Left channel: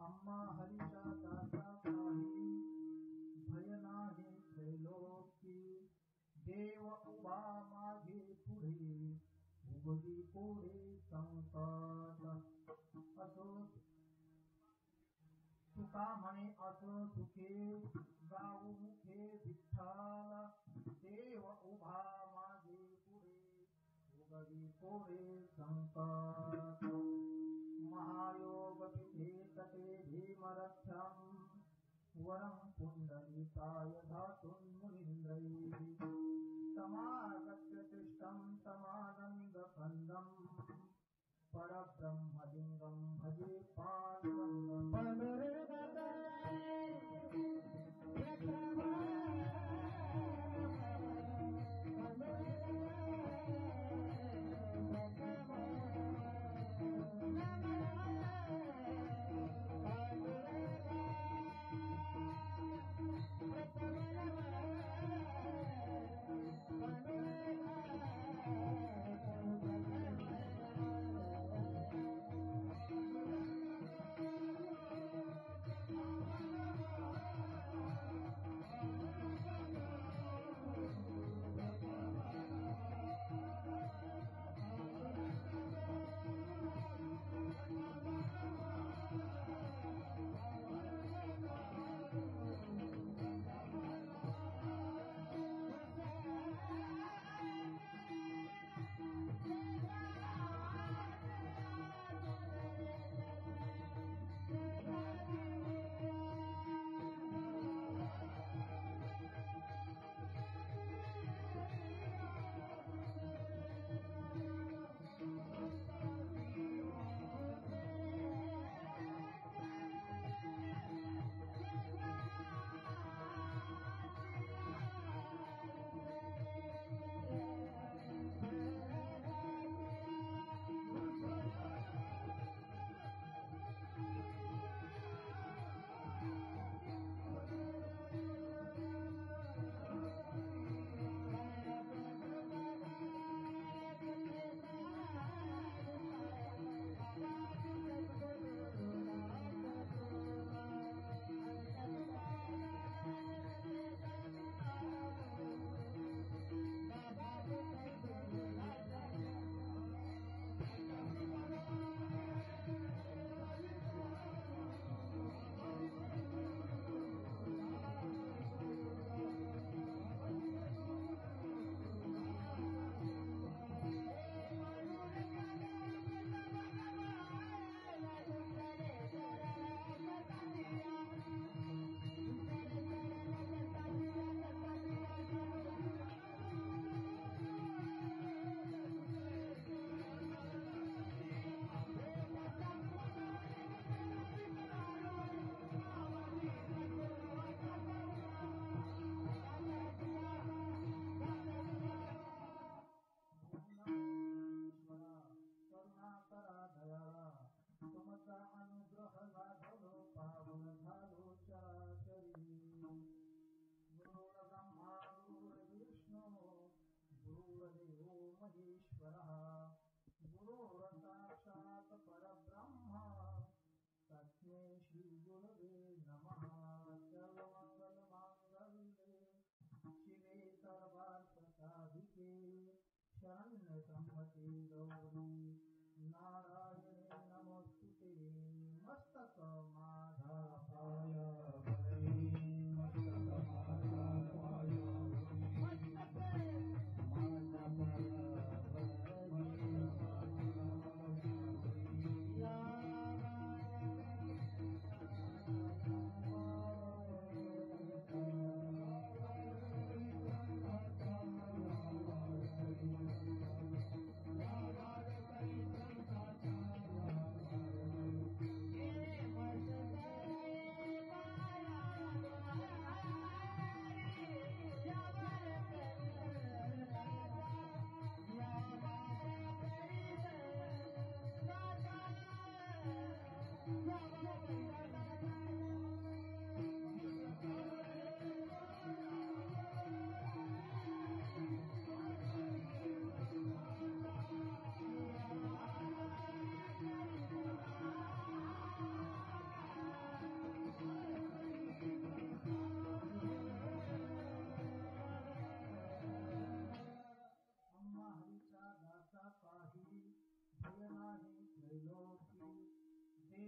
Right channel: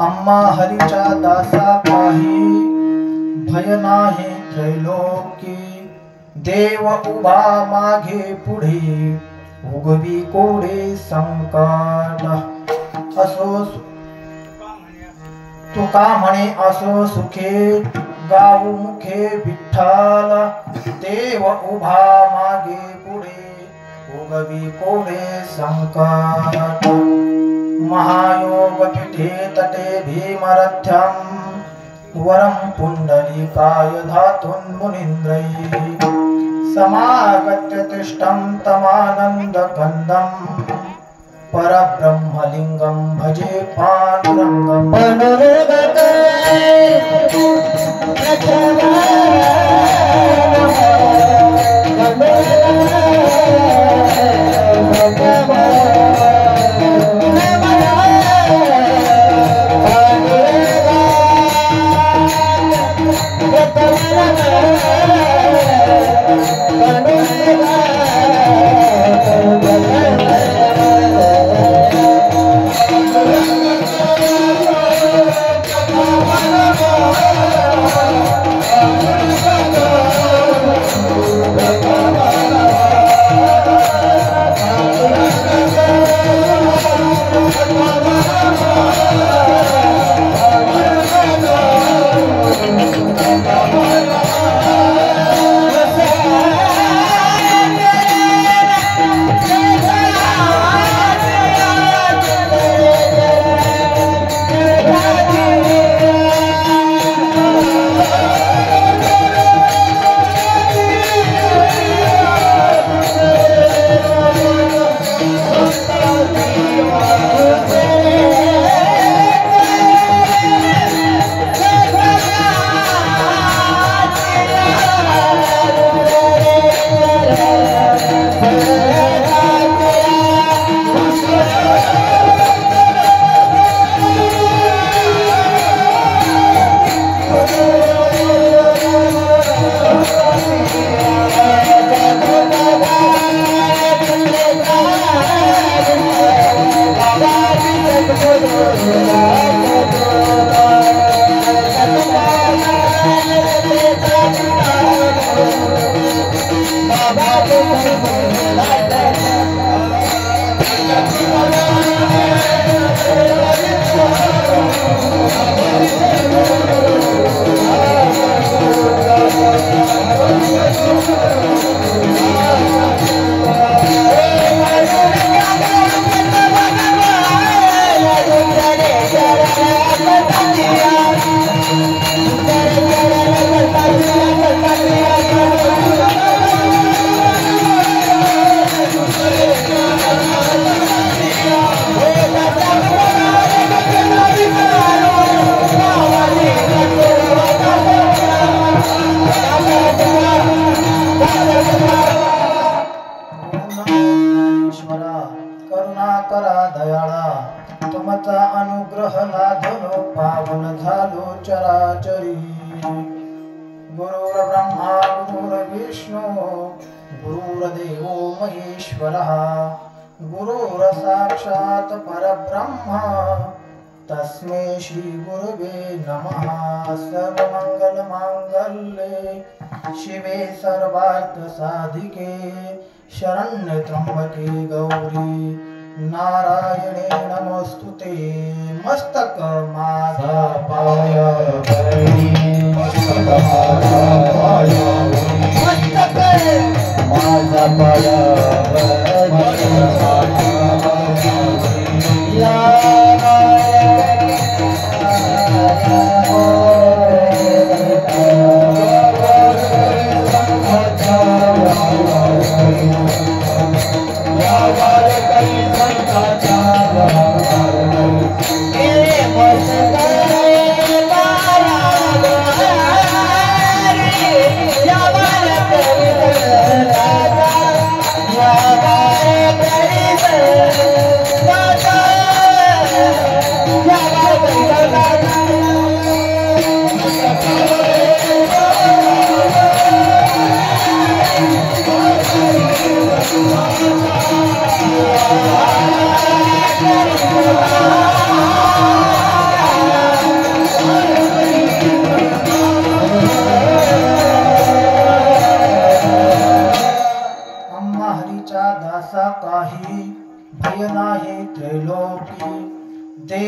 आम्हा हरीच्या दासा पाही भय नाही त्रैलोकी देव उभा मागे पुढे उगवी कोडे संकट असो तुका म्हणे असो सुखे गाऊ मुखे विठ्ठल देव उभा मागे पुढे उगवी कोडे संकट महायोग पीठे तटे भीमरथ्यम वरम पुंडलीकाय धातुन मुनीन्द्रैः समागत्य तिष्ठं तमानन्दकन्दं परब्रह्मलिङ्गं भजे पाण्डुरङ्गं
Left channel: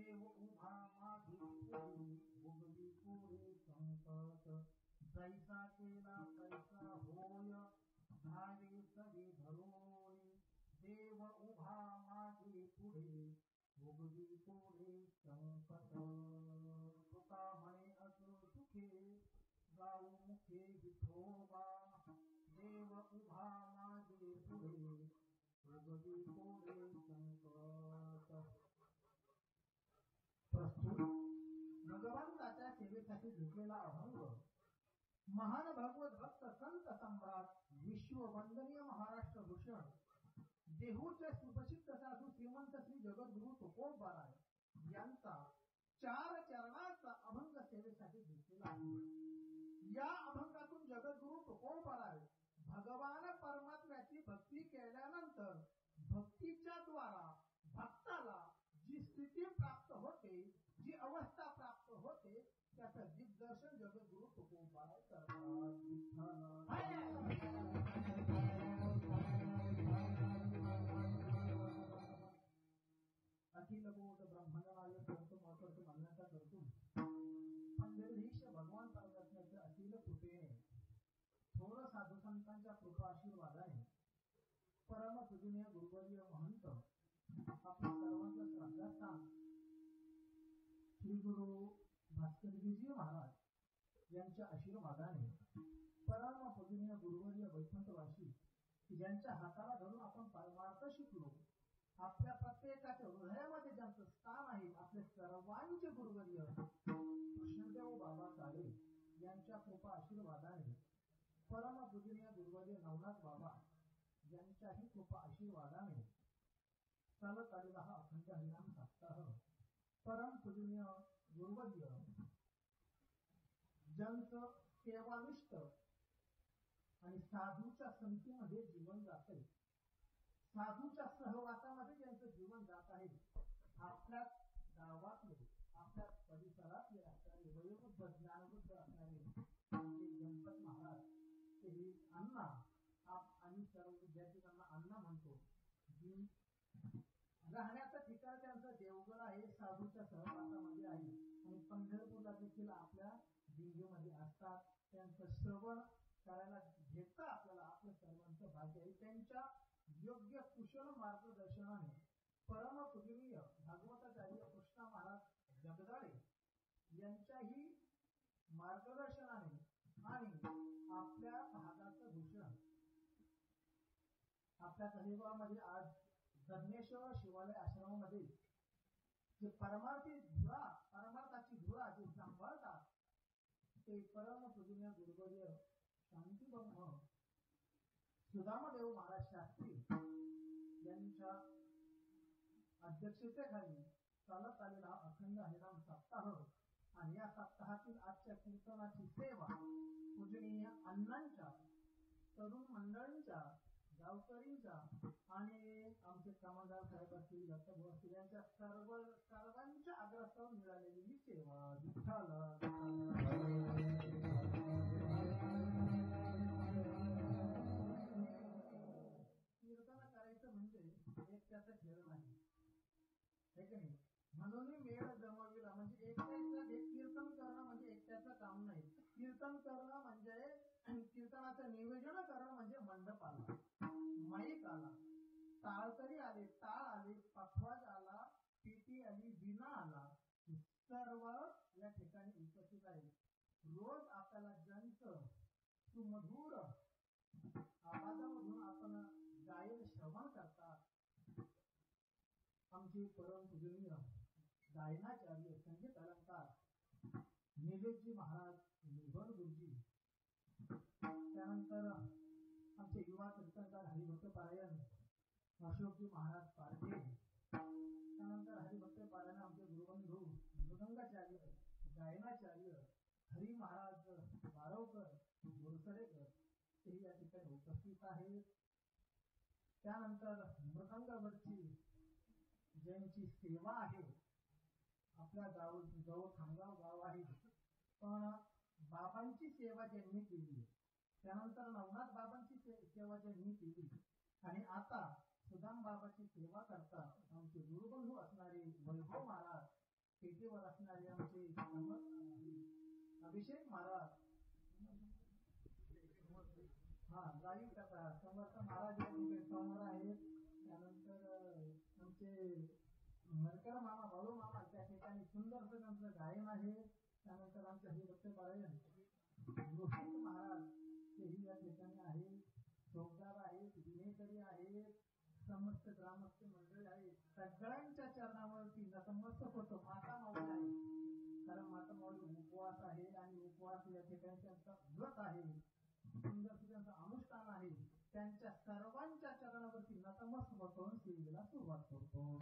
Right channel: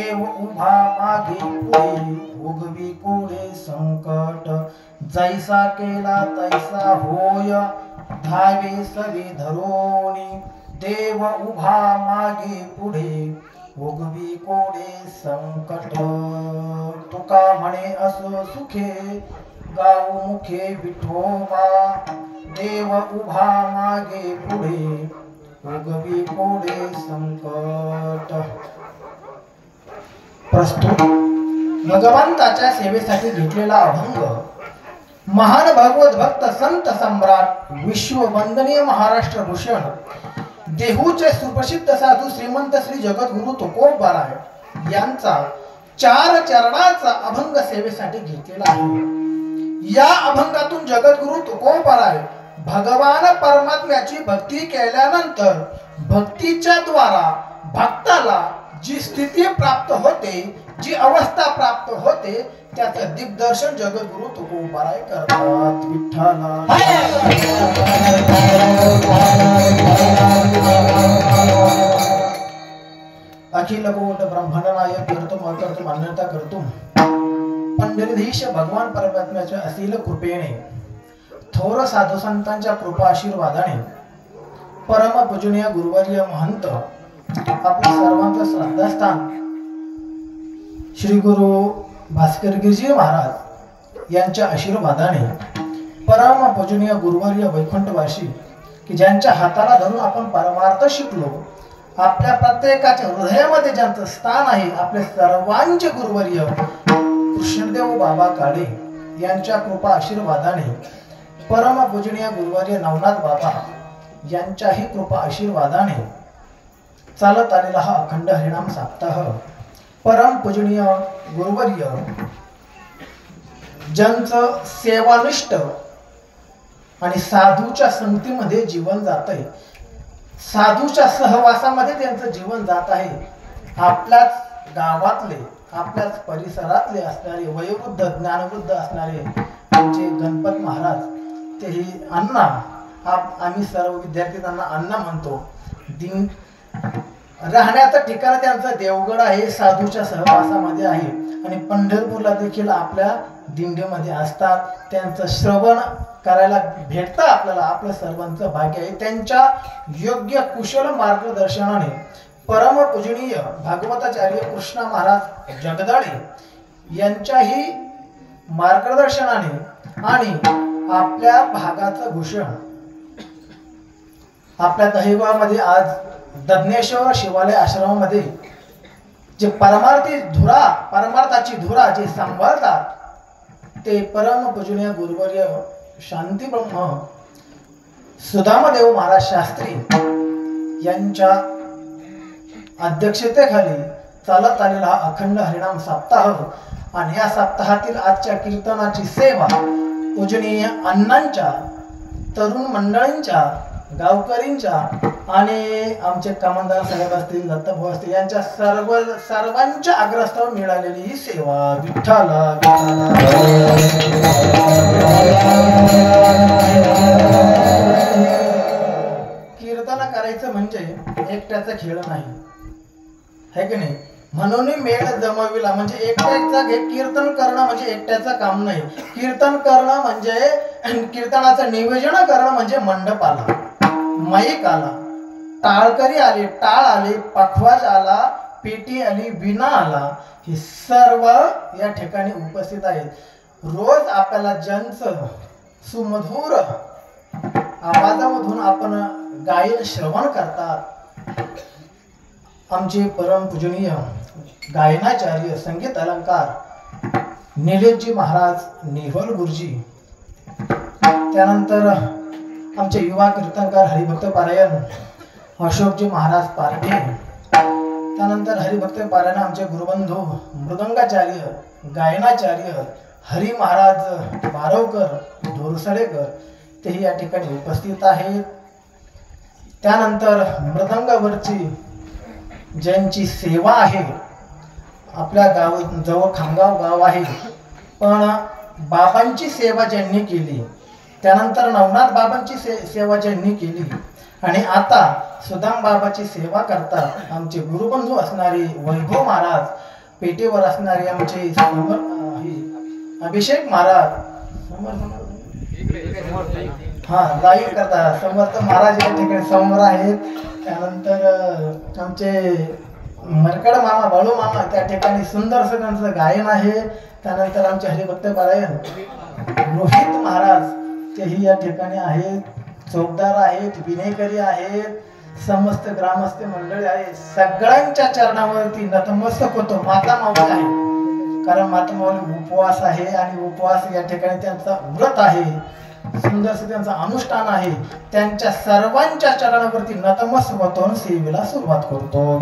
देव उभा मागे पुढे उगवी कोडे संकट जैसा केला तैसा होय धावे सवे धरोनी देव उभा मागे पुढे उगवी कोडे संकट तुका म्हणे असो सुखे गाऊ मुखे विठोबा देव उभा मागे पुढे उगवी कोडे संकट. प्रस्तुत भगवंताच्या सेवेसाठी घेतलेला अभंग महान भगवत भक्त संत सम्राट विश्ववंदनीय महाराष्ट्र भूषण देहूचे सुप्रसिद्ध साधू श्रीमंत श्री जगद्गुरु तुकोबाराय यांचा 4 चरणाचा अभंग सेवेसाठी घेतलेला आहे. या अभंगातून जगद्गुरु तुकोबाराय भगवान परमात्म्याची भक्ती केल्यानंतर भक्तीच्या द्वारा भक्ताला जी स्थिती प्राप्त होते, जी अवस्था प्राप्त होते, त्याचं दिग्दर्शन जगद्गुरु तुकोबाराय करतात. विठ्ठला अखिल कोट ब्रह्मांड नायक करतुम अकर्तुम अन्यथा करतुम पंढरीधीश भगवान परमात्म्याच्या असील कृपेने थोर साधू संतांच्या कृपा आशीर्वादाने परम पूजनीय गुरुवर्य महंत आपल्या सर्वांचं श्रद्धास्थान श्री गुरु भास्कर गिरजी महाराज यांच्या आशीर्वादाने परम पूजनीय गुरुवर्य वैकुंठवासी की ज्यांच्या हाताला धरून आपण परमार्थ शिकलो, आपल्या प्रत्येकाच्या हृदयामध्ये ज्यांचं स्थान आहे, आपले सर्वांचे गुरुवर्य कृष्णदेव बाबा काळे यांच्या कृपा आशीर्वादाने परम पूजनीय गुरुवर्य नवनाथ बाबा यांच्याही कृपा आशीर्वादाने चालत आलेला हा अखंड हरिनाम सप्ताह परम पूजनीय गुरुवर्य ज्यांचं सेवानिष्ठ आणि साधूच्या संगतीमध्ये जीवन जात आहे, साधूच्या सहवासामध्ये त्यांचं जीवन जात आहे. आपल्याच गावातले, आपल्याच परिसरातले असणारे वयोवृद्ध ज्ञानवृद्ध असणारे आमचे गणपत महाराज, तेही अण्णा, आम्ही सर्व विद्यार्थी त्यांना अण्णा म्हणतो. दिन राहण्याचं ठिकाण त्यांचं देवगड आहे, साधूच्या सहवासामध्ये आहे आणि पंढरपूरला देखील आपल्या दिंडीमध्ये असतात. त्यांचं श्रवण करायला भेटतं आपल्याला, आपलं सर्वांचं भाग्य आहे. त्यांच्या योग्य कुशल मार्गदर्शनाने परम पूजनीय भागवताचार्य कृष्ण महाराज जगदाळे यांच्याही मार्गदर्शनाने आणि आपल्या भागाचं भूषण आपल्या दहिवामध्ये आज दज्ञेश्वर शिवालय आश्रमामध्ये जे परमार्थाची धुरा जे सांभाळतात ते परम पूजनीय गुरुवर्य शांती ब्रह्म सुदामदेव महाराज शास्त्री यांच्या अध्यक्षतेखाली चालत आलेला हा अखंड हरिनाम सप्ताह आणि या सप्ताहातील आजच्या कीर्तनाची सेवा पूजनीय अण्णांच्या, तरुण मंडळींच्या, गावकरींच्या आणि आमचे कामनदार साहेब असतील, दत्तभाऊ असतील यांच्या सर्वांच्या आग्रहास्तव मिळालेली ही सेवा. विठ्ठला कीर्तन करायचं म्हणजे एकट्याचा खेळ नाही, है की नाही? म्हणून मेळ जमविला म्हणजे एकट्याचा कीर्तन करणं म्हणजे एकट्याचं काम नाही. कीर्तन करणं म्हणजे कीर्तनाचं नियोजन करणं म्हणजे मंडप आला, माईक आला, टाळकरी आले, टाळ आले, पखवाज आला, पेटी आली, विणा आला, हे सर्व या ठिकाणी उपस्थित आहेत. रोज आपल्याला ज्यांचं सुमधुर आवाजामधून आपण गायन श्रवण करतात, आमचे परम पूजनीय गायनाचार्य संगीत अलंकार निलेशजी महाराज नेहवल गुरुजी, त्यानंतर आमचे युवा कीर्तनकार हरिभक्त पारायण अशोकजी महाराज पारखे, त्यानंतर हरिभक्त पारायण आमचे गुरुबंधू मृदंगाचार्य गायनाचार्य हरी महाराज बारवकर ढोरसडेकर तेही या ठिकाणी उपस्थित आहेत. त्यानंतर मृदंगावरची ज्यांची सेवा आहे, आपल्या जवळ खामगाव गाव आहे, पण बाबांची सेवा ज्यांनी केली, त्यानंतर नवनाथ बाबांची सेवा ज्यांनी केली आणि आता सुदाम बाबाची सेवा करतात आमचे गुरुबंधू असणारे वैभव महाराज, पेटीवर असणारे आमचे अभिषेक महाराज हा लाईव्ह करतात. समर्थ महाराज या ठिकाणी समोर आहेत. त्यानंतर आमचे मरकड मामा बाळू मामा त्या ठिकाणी सुंदरसं त्यांचं गायन आहे. त्यानंतर आमचे हरिभक्त पारायण रोहित महाराज तेही या ठिकाणी आहेत. चौकदार आहेत, विनेकरी आहेत, समस्त ग्रामस्थ मंडळी आहेत. सगळ्यांच्या चरणावरती नतमस्तक होतो. माता माऊली आहे, कारण माता माऊली उपवास आहे आणि उपवास या ठिकाणी त्यांचा व्रत आहे, सुंदरसं त्यांचा अनुष्ठान आहे. त्यांच्या सर्वांच्या चरणावरती नतमस्तक होतो, सेवेला सुरुवात करतो.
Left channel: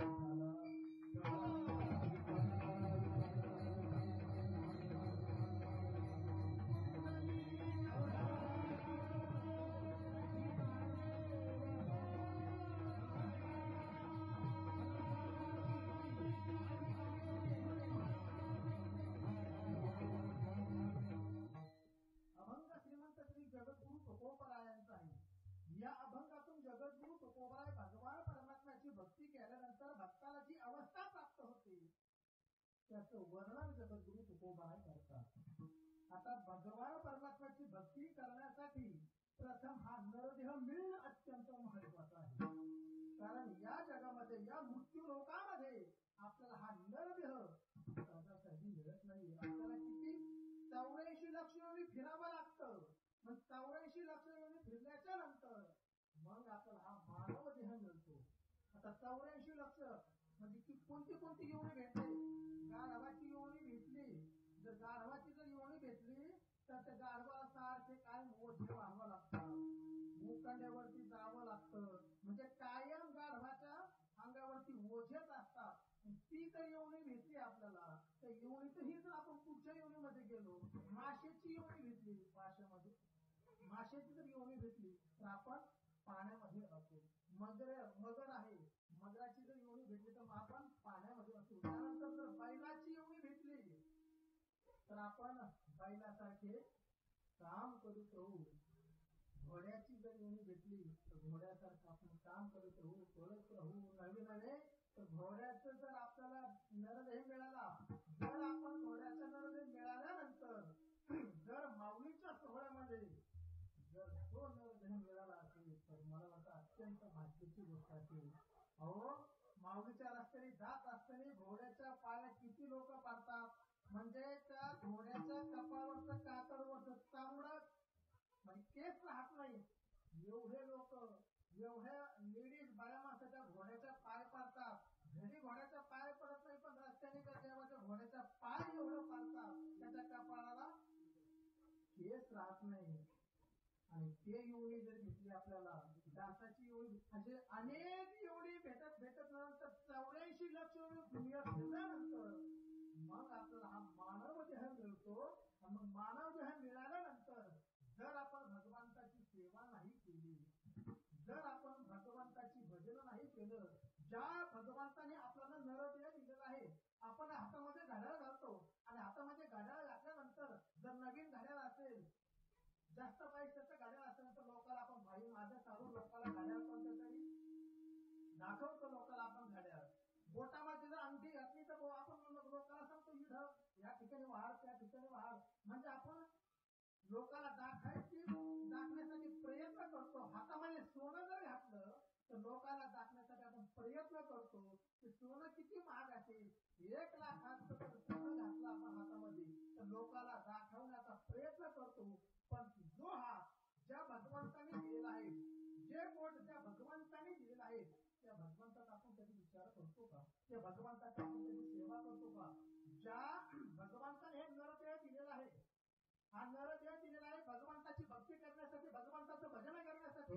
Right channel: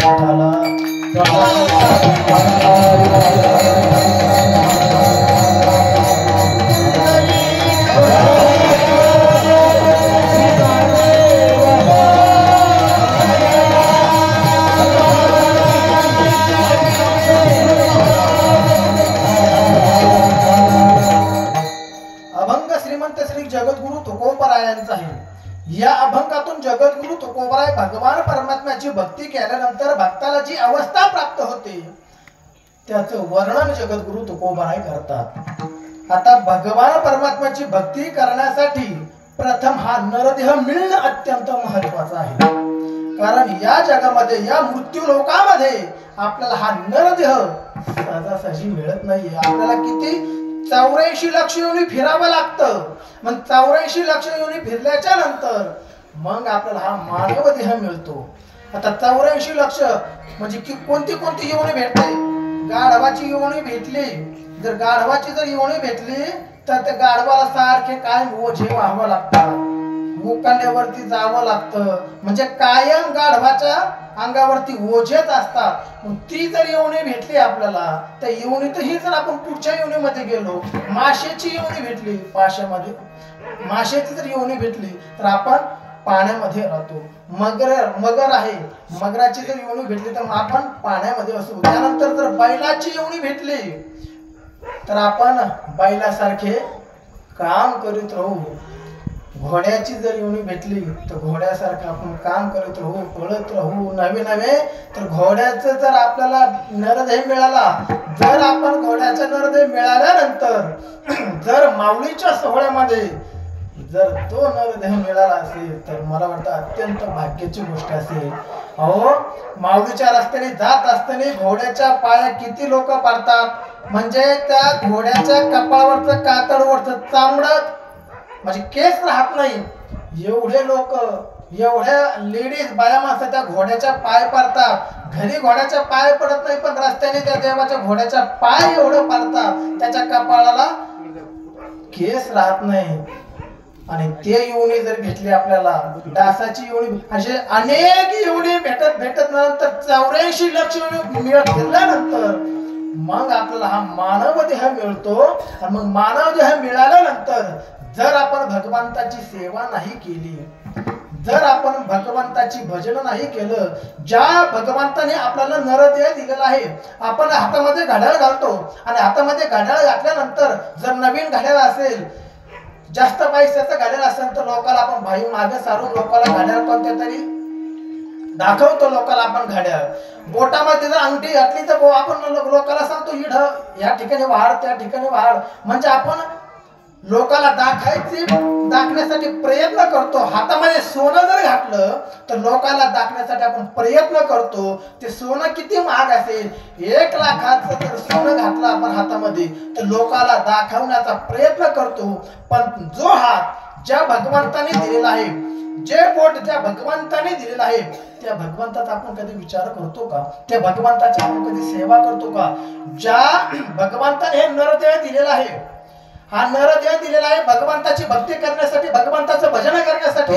या अभंगातून जगद्गुरु तुकोबराय भगवान परमात्म्याची भक्ती केल्यानंतर भक्ताला जी अवस्था प्राप्त होते त्याचं वर्णन जगद्गुरु तुकोबराय करतात. आता भगवान परमात्म्याची भक्ती करण्यासाठी प्रथम हा नरदेह मिळणं अत्यंत महत्वाचं आहे. कारण या जगामध्ये, या मृत्यू लोकामध्ये आपल्याला हा नरदेह सहजासहजी मिळत नाहीये. आपल्याला किती 84 लक्ष योनी फिरावं लागतं. मग 84 लक्ष योनी फिरल्याच्या नंतर मग आपल्याला हा मानव देह मिळतो. आता 84 लक्ष म्हणजे की कोणती कोणती योनी भेटते. गाढवाची योनी भेटली, जर गाढवाची जर योनी भेटली तर त्या गाढवाला सारखे कायम ओझे व्हावं लागतात, मुकांड्यावरती जावं लागतं, म्हणजे कायम गाढवाच्या अंगावरती ओझेच असतात. मग ती जर योनी भेटली आपल्याला, त्या योनीतही जर आपण पुढच्या योनीमध्ये गेलो, माशाची योनी भेटली, माशाची जर योनी भेटली तर आपण पाण्यामध्ये राहतो. मगर आहे, मगराची जर योनी भेटली तर आपण पाण्यामध्ये असतो. त्यानंतर जर बैलाची योनी भेटली तर आपण बैलासारखे काम करीत राहू. घोड्याची जर योनी भेटली तर घोड्यासारखं आपण काम करत राहू, पळत राहू. नवे तर घोड्याचं जर आपल्याला नरदेह मिळाला, जर आपण घोड्याचा नरदेह मिळाल्यानंतर जर माऊलीच्या सोहळ्यामध्ये जर तो नरदेह मिळाला असेल तर मला वाटतं अत्यंत भाग्याची गोष्ट असेल. अहो, माऊलीच्या रस्त्याने जात असताना घोड्याच्या पाया किती लोक पडतात, म्हणजे त्या घोड्याच्या कपाळावरचं कातडवरचं चामडं म्हणजे केस राहत नाही. एवढे लोक, एवढ्या लेडीज बाया माणसं त्या घोड्याच्या पाय पडतात. घरी घोड्याच्या पाय पडत नाही, पण रस्त्याने त्या देवाच्या घोड्याच्या पाय एवढं पडतात, त्याच्या कपाळाला केस राहत नाही. आणि ते योनी जर भेटली आपल्याला, डासाची योनी, असे अनेक योनी भेटत नंतर 84 लक्ष योनी मिळत गेल्यानंतर मग आपल्याला हा मानव देह मिळतो. आणि मग मानव देह मिळाल्यानंतर जर आपण भगवंताची सेवा नाही केली, जर आपण भगवंताची भजन नाही केलं, ज्या भगवंताने आपल्याला नरदेह दिलेला आहे, आपण हातामध्ये घड्याळ घालतो आणि हातामध्ये घड्याळ घातल्यानंतर जर नवीन घड्याळ असेल, जास्त पैशाचं घड्याळ असेल तर लोकांना आपण भाई मागे सारून लोकांना घड्याळ कोणत्या तरी दाखवतो. लोकांना आपण घड्याळ बोटामध्ये जर अंगठी घातली तर आपण लोकांना सांगतो इड या ठिकाणी वाढ, त्या ठिकाणी वाढ, म्हणजे आपण लोकांना दाखण्यासाठी प्रयत्न करतो. हातामध्ये सोनं जर घातलं तर लोकांना दाखण्यासाठी आपण प्रयत्न करतो. ते सोनं किती महाग असेल, 1 लाखाचं जर सोनं घातलं आपण हातामध्ये तर लोकांना दाखवण्याचा प्रयत्न करतो. पण जो हात ज्या भगवंताने दिलेला आहे, जे बोट ज्या भगवंताने दिलेला आहे, त्या भगवंताचा आपण कधी विचार करतो का? त्या भगवंताची आपण कधी सेवा करतो का? ज्या भगवंताने हे नरदेह दिलेला आहे, हा नरदेह दिलेला आहे भगवंताची भक्ती करण्यासाठी, भगवंताचं भजन करण्यासाठी.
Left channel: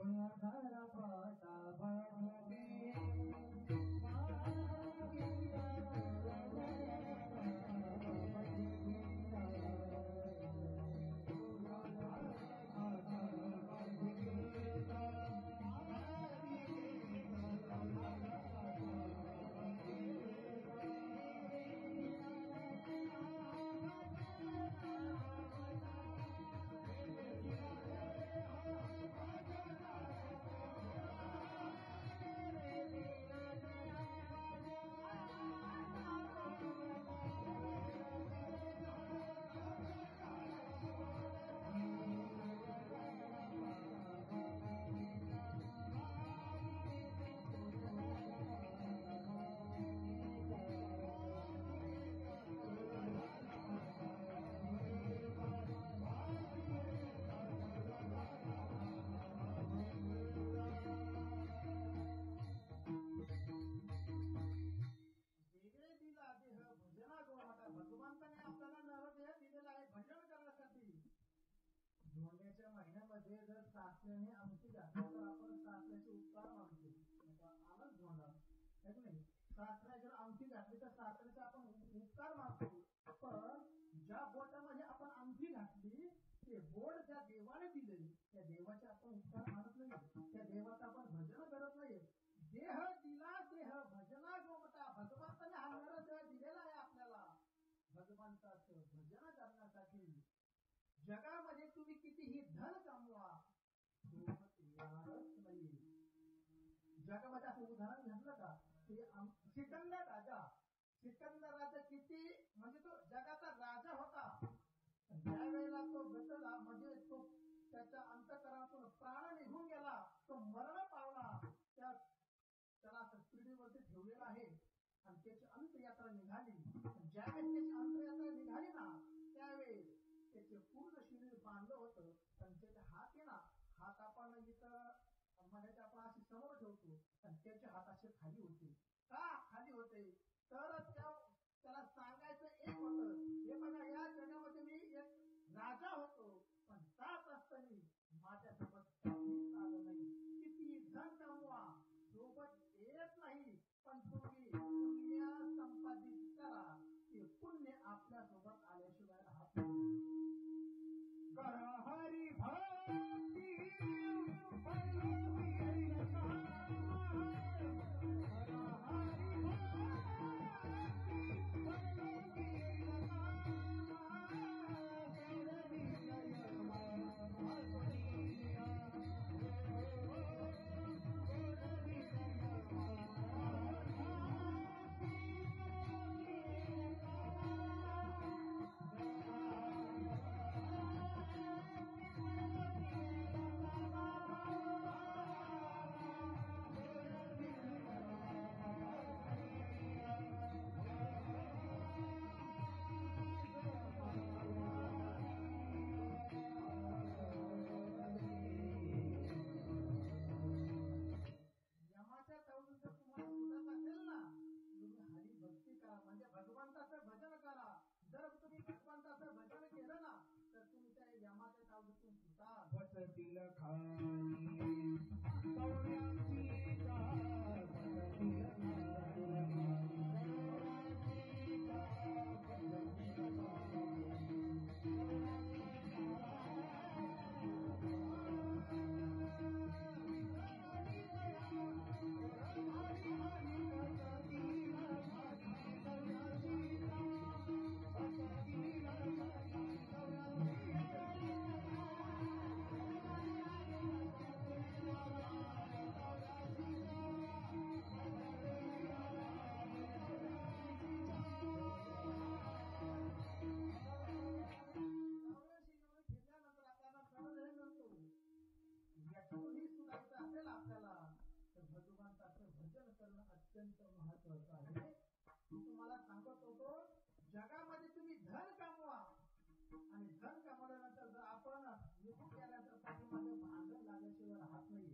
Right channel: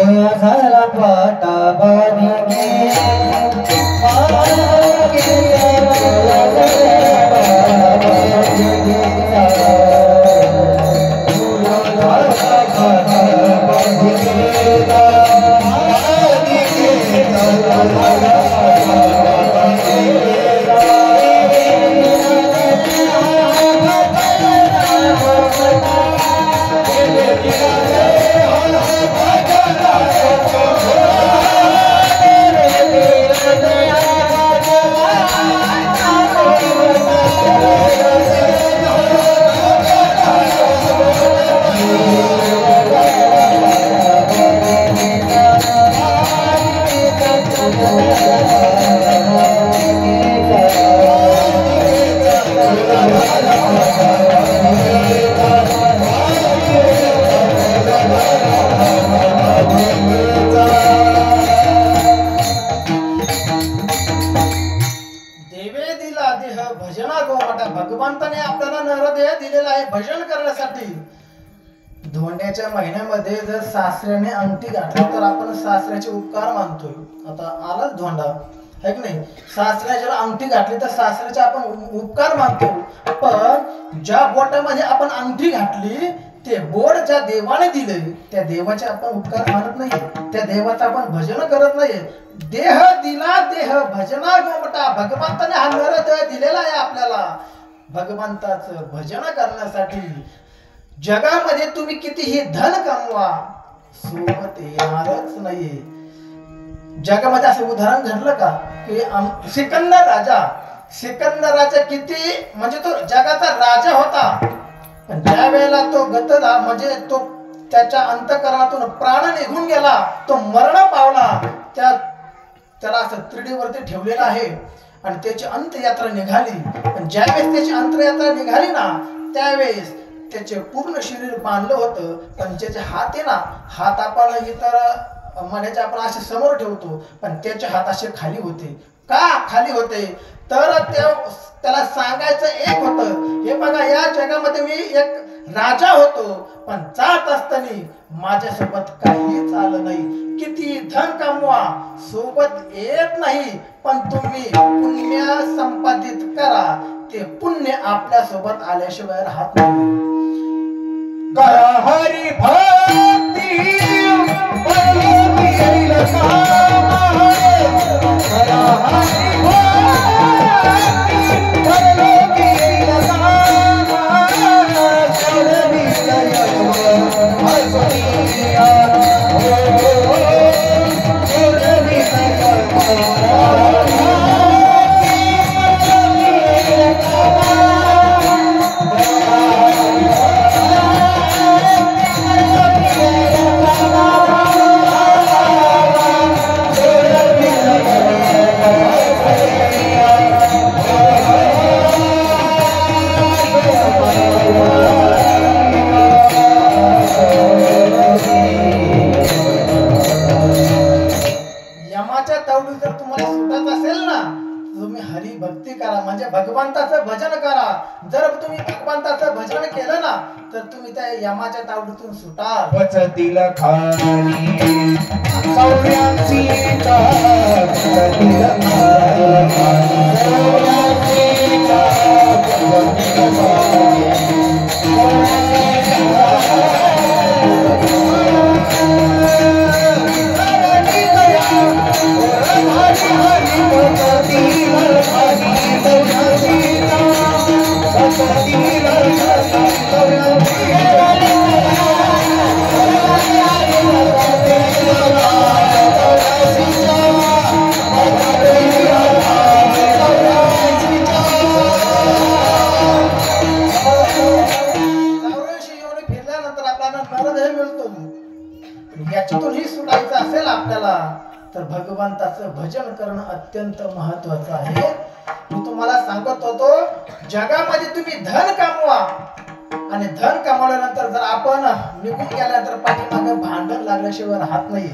भगवंताने आपल्याला नरदेह दिलेला आहे भजन करण्यासाठी. धोंड्याच्या महिन्यामध्ये जर सासऱ्याने अंगठी घातली तर आपण सासऱ्याचे उपकार मानतोय. आता आलाच धोंडा आहे की नाही. सासऱ्याच्या अंगठी घातली तर सासऱ्याचे आपण उपकार मानतो. पण ज्या बोटामध्ये आपण अंगठी घातली ते बोट ज्या देवाने दिले त्या देवाचे आपण उपकार मानत नाही. त्या देवाचं आपण भजन करत नाही. देह दिला देह भजना गोमटा. भगवंताने हा नरदेह दिलेला आहे आपल्याला भगवंताचं भजन करण्यासाठी. जगामध्ये तुम्ही कितीही धन कमवा सोबत येणारच नाही. जगामध्ये असं उदाहरण घडलं का की सिकंदर राजा किती म्हणजे तो जगाचा राजा होता. पण ज्या वेळेला तो गतला म्हणजे तो त्याच्या अंतःकरणातून प्राण निघून गेला, तो मरण पावला. त्याला असं त्रिडीवरती ठेवलेलं आहे आणि त्याची अंतयात्रा निघाली. पण ज्यावेळेस त्याची अंतयात्रा निघाली ना त्यावेळेस त्याचे पूर्ण शरीर बांधलं होतं. पण त्याचे हात आहे ना, हात आपण इतर मण्याचे आपण असे समोर ठेवतो पण त्याचे हात असे खाली होते. का खाली होते तर त्याला सांगायचं एक होतं, हे बघा या जगामध्ये मी एक राजा होतो पण जात असताना माझ्यासोबत काहीच आलं नाही. किती धन कमवा सोबत येत नाही. पण तुम्ही पुण्य संपादित करा, ते पुण्य आपल्या सोबत आल्याशिवाय राहत नाही. करा हरी भक्ती भगवंताचं भजन करा. जर तुम्ही भगवंताचं भजन केलं ना तर तुम्ही त्या यमाच्या तावडीतून सुटाल. वचतील खाली सौर्यांची का वचतील याच्यातूनही सुटायचं असेल आपल्याला तर भगवंताचं भजन करणं अत्यंत महत्वाचं आहे. मी तुम्हाला सांगत होतो जगामध्ये तुम्ही धन कमवा आणि धन कमवल्यानंतर जर आपण निघून गेल्यानंतर पाठीमागे भांडण लागल्याशिवाय राहत नाही.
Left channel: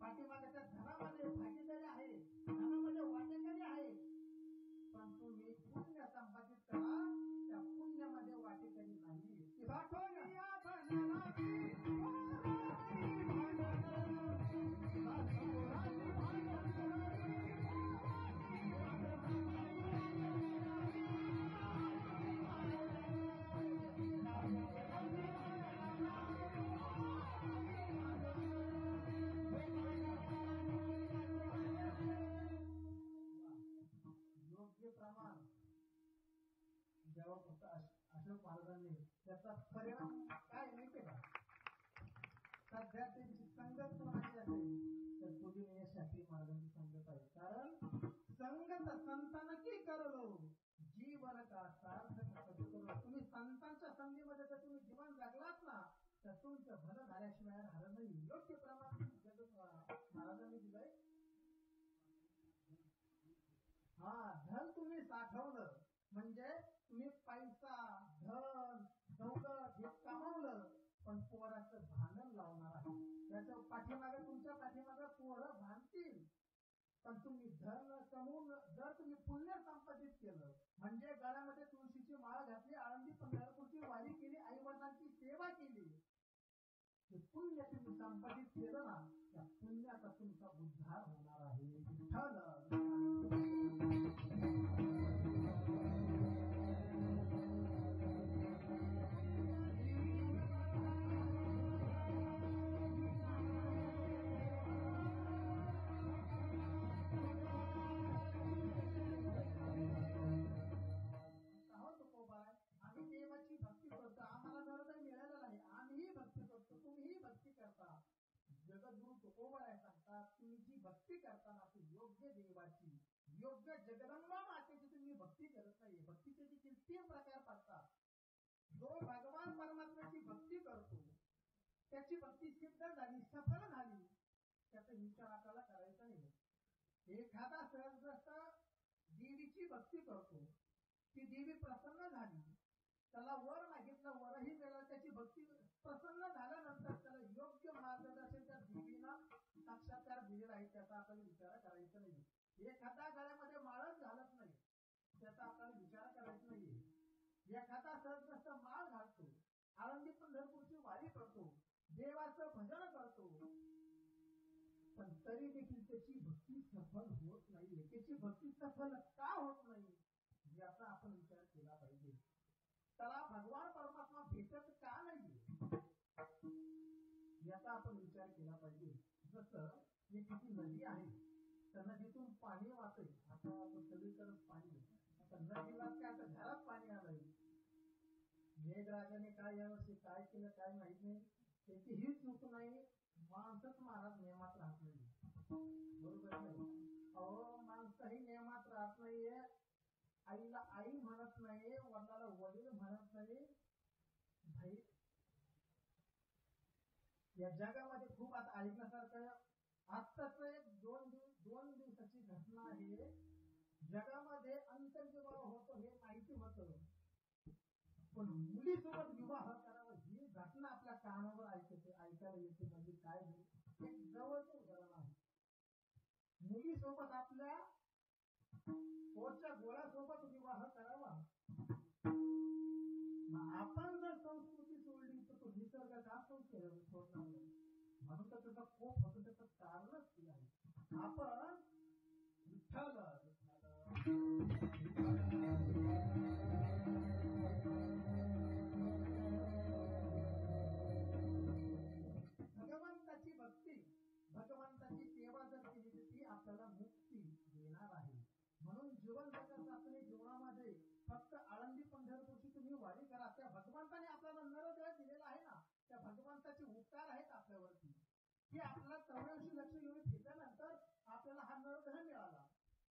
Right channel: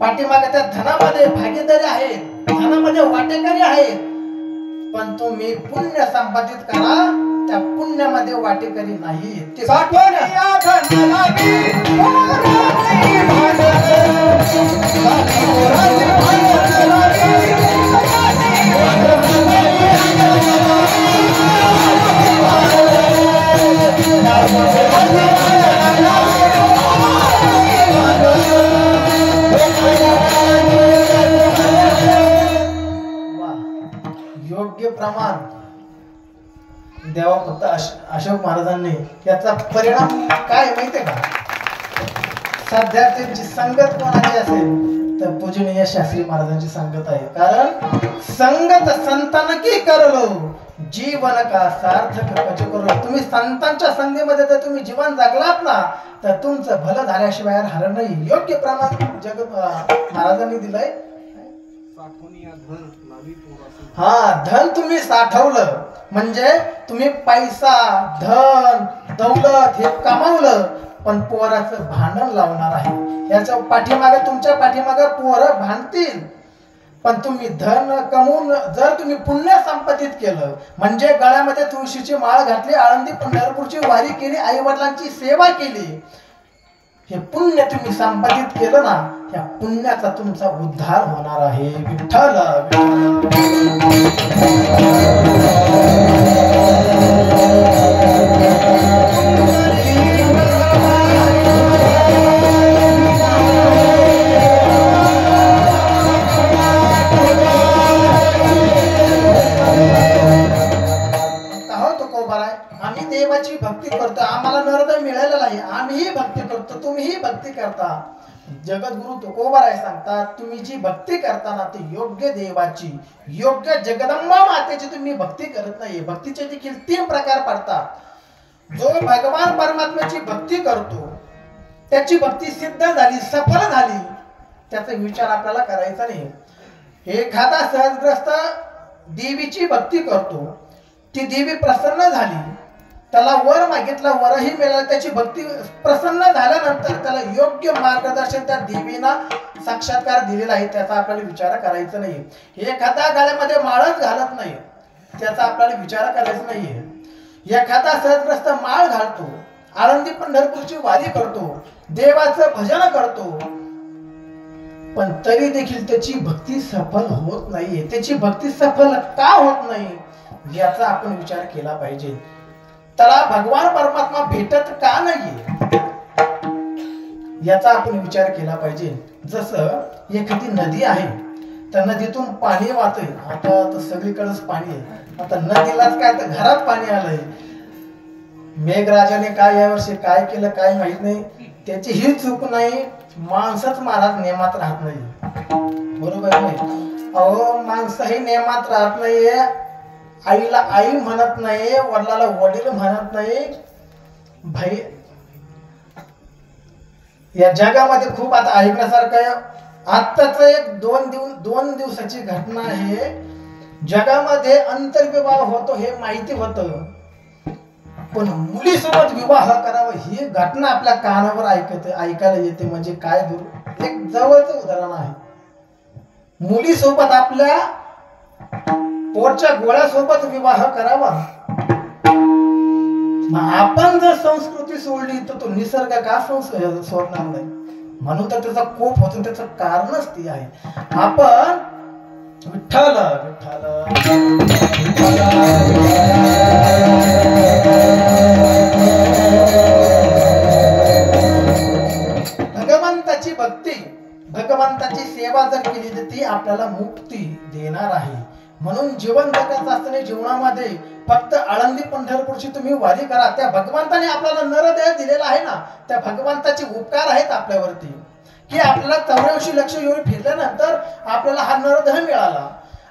पाठीमागे त्या धनामध्ये भागीदारी आहे, धनामध्ये वाटेकरी आहेत. पण तुम्ही पुण्य संपादित करा, त्या पुण्यामध्ये वाटेकरी नाही. ते साठवण योग्य प्रमाण देवा फक्त अशोक महाराजांनी याचा परिणाम काय माहितीये का. सध्या त्यांची संगत कोणाची असेल तर पूजनीय शास्त्री महाराजांची संगत आहे. कारण संगत संतान की करलो जीवन का सार्थक कच करो. तुम्ही संतांच्या संगतीमध्ये जर तुम्ही जीवन जगलात ना तर तुमचं भलं झाल्याशिवाय राहणार नाही. योग्य प्रमाण जगत महाराजांनी दिलंय. हा धन तुम्ही साठवलं म्हणजे तुम्ही पैसा धन दौलत हे कमावलं पण पोराचं भांडण लावणार आहे. याच्या पाठीमागे तुमच्या पाठीमागे पोरं भांडतील पण तुम्ही धन कमवून जर तुम्ही पुण्य संपादित केलं, म्हणजे गळ्यामध्ये तुळशीची माळ घातली, आळंदी पंढरपूरची वारी केली, आई वडिलांची सेवा केली, हे पुण्य तुम्ही संपादित केलं ना, या पुण्याचा तुमचा उद्धार होणार आहे. विठ्ठल आम्ही देवाची भक्ती करतो, आम्हाला नरद मिळालेला आहे, आम्हीही भक्ती करतो, तुम्हीही भक्ती करता. जगद्गुरु तुकोबाराय सांगतात, तुम्ही जी भक्ती करताना ती योग्य देवाची, योग्य जगदंबा मातेची तुम्ही भक्ती करत नाही. भक्तीचे देखील 3 प्रकार पडतात. जो भगवान परमात्म्याची भक्ती करतो, त्याची भक्ती सिद्ध झाली, सफल झाली, त्याचा विचार आपल्याला करायचा नाही. एखादा सहजग्रस्त देवीची भक्ती करतो, ती देवी प्रसन्न झाली, त्याला वर मागितला, वरही मिळाला, त्याची भक्ती प्रसन्न झाल्यानंतर त्याला योग्य मार्गदर्शन त्या देवीना साक्षात्कार दिलेला आहे, त्याचा आपल्याला विचार करायचा नाही. एखादा गळ्यामध्ये माळच घालत नाही, त्याचा आपल्याला विचार करायचा नाहीये. एखादा सहजग्रस्त माळ घालतो, आळंदी पंढरपूरची वारी करतो, देवाचं भजन करतो, पण तरी देखील त्याची भक्ती सफल होत नाहीये. त्याची भक्ती सफल का होत नाही याचा आपण विचार केला पाहिजे. त्याला भगवान परमात्मा भेटत का नाहीये याचा आपण विचार केला पाहिजे. जसं एखादी नदी आहे, त्या नदीतून पाणी वाहतंय, आता तर सगळीकडेच पाणी आहे, आता नदीलाच काय तर घरात पाणी आलंय. मेघराजाने काय यावर्षी काय केलं काय माहित नाही, त्याची ही चूक नाही, माणसंच महाराज नियमात राहत नाही. बरोबर नाही? अहो माणसं ही नियमात राहत नाहीये. आईला आई म्हणत नाही, वडिलाला वडील म्हणत नाही. भाई या जगामध्ये खूप आता ऐकण्यासारखं, आत्ताच एक 2 दिवसाची घटना आहे. जगामध्ये आंतरविवाह होतो हे माहिती होतं, पण मुलीसोबत विवाह करावा ही घटना आपल्या कानावर ऐकायला येते. म्हणजे काय एक जवळचं उदाहरण आहे. मुलीसोबत आपल्या पोटच्या गोळ्यासोबत विवाह करावा. आपण जर संस्कृती सोडली तर तो निसर्ग का सोडणार नाही? म्हणून तर त्याचा कोप होतो, त्याचं कारणच ती आहे. आपण विठ्ठल भगवंताची भक्ती, भगवंताची सेवा जर केली तर ती आपल्याला मुक्ती देणार आहे. म्हणून जीवन जगायचं असताना जीवनामध्ये फक्त आळंदी पंढरपूरची तुम्ही वारी करा. त्या भगवंताने आपल्याला नरदेह दिलेला आहे ना, त्या भगवंताचे उपकार आहेत आपल्यावरती, की आपल्याला 84 लक्ष येऊन फिरल्यानंतर आपल्याला हा नरदेह मिळाला,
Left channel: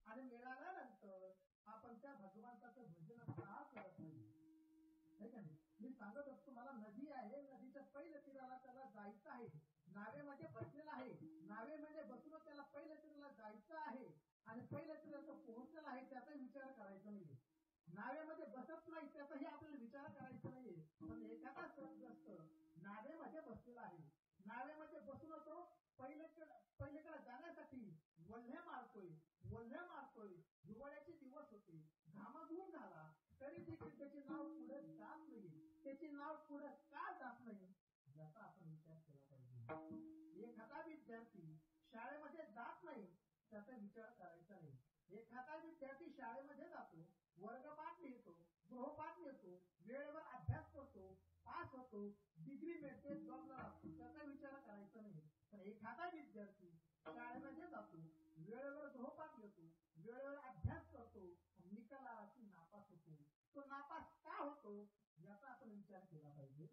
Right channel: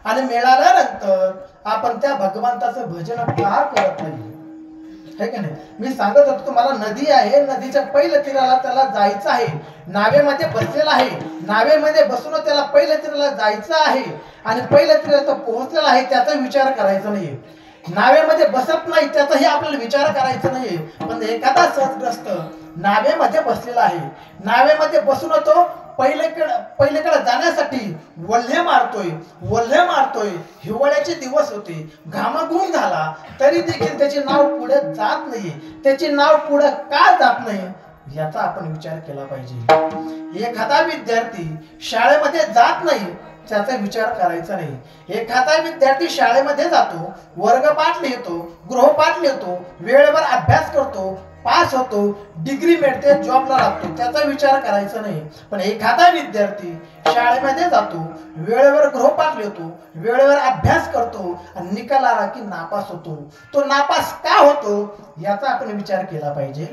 आणि मिळाल्यानंतर आपण त्या भगवंताचं भजन का करत नाही? है की नाही? मी सांगत होतो तुम्हाला, नदी आहे, नदीच्या पहिल्या तीराला त्याला जायचं आहे, नावेमध्ये बसलेला आहे, नावेमध्ये बसून त्याला पहिल्या तीराला जायचं आहे, आणि पहिल्या तीराला पोहोचलेला आहे, त्याचा विचार करायचा नाही. नावेमध्ये बसत नाही त्याचाही आपल्याला विचार करायचा नाही. पण एखादा सहजग्रस्त नावेमध्ये बसलेला आहे, नावेमध्ये बसून तो पहिलेकडे जाण्यासाठी वल्हे मारतोय. हिवाळ्याचे दिवस होते, घामाघूम झाला, तरी देखील त्याचे नाव पुढे जात नाही. त्याचे नाव पुढे का जात नाही याचा आपण विचार केला पाहिजे. एखादा विद्यार्थी शाळेमध्ये जात नाही त्याचा विचार करायचा नाही. एखादा विद्यार्थी शाळेमध्ये जातो, वर्गपाठ लिहितो, गृहपाठ लिहितो, वेळेवर अभ्यास करतो, पास होतो, डिग्री मिळते, जॉबला लागतो, त्याचा विचार करायचा नाही. पण एखादा विद्यार्थी शाळेमध्ये जातो, वेळेवर गृहपाठ लिहितो, वेळेवर अभ्यास करतो, आणि निकाल आला की नापास होतो. तो नापास का होतो याचा आपण विचार केला पाहिजे.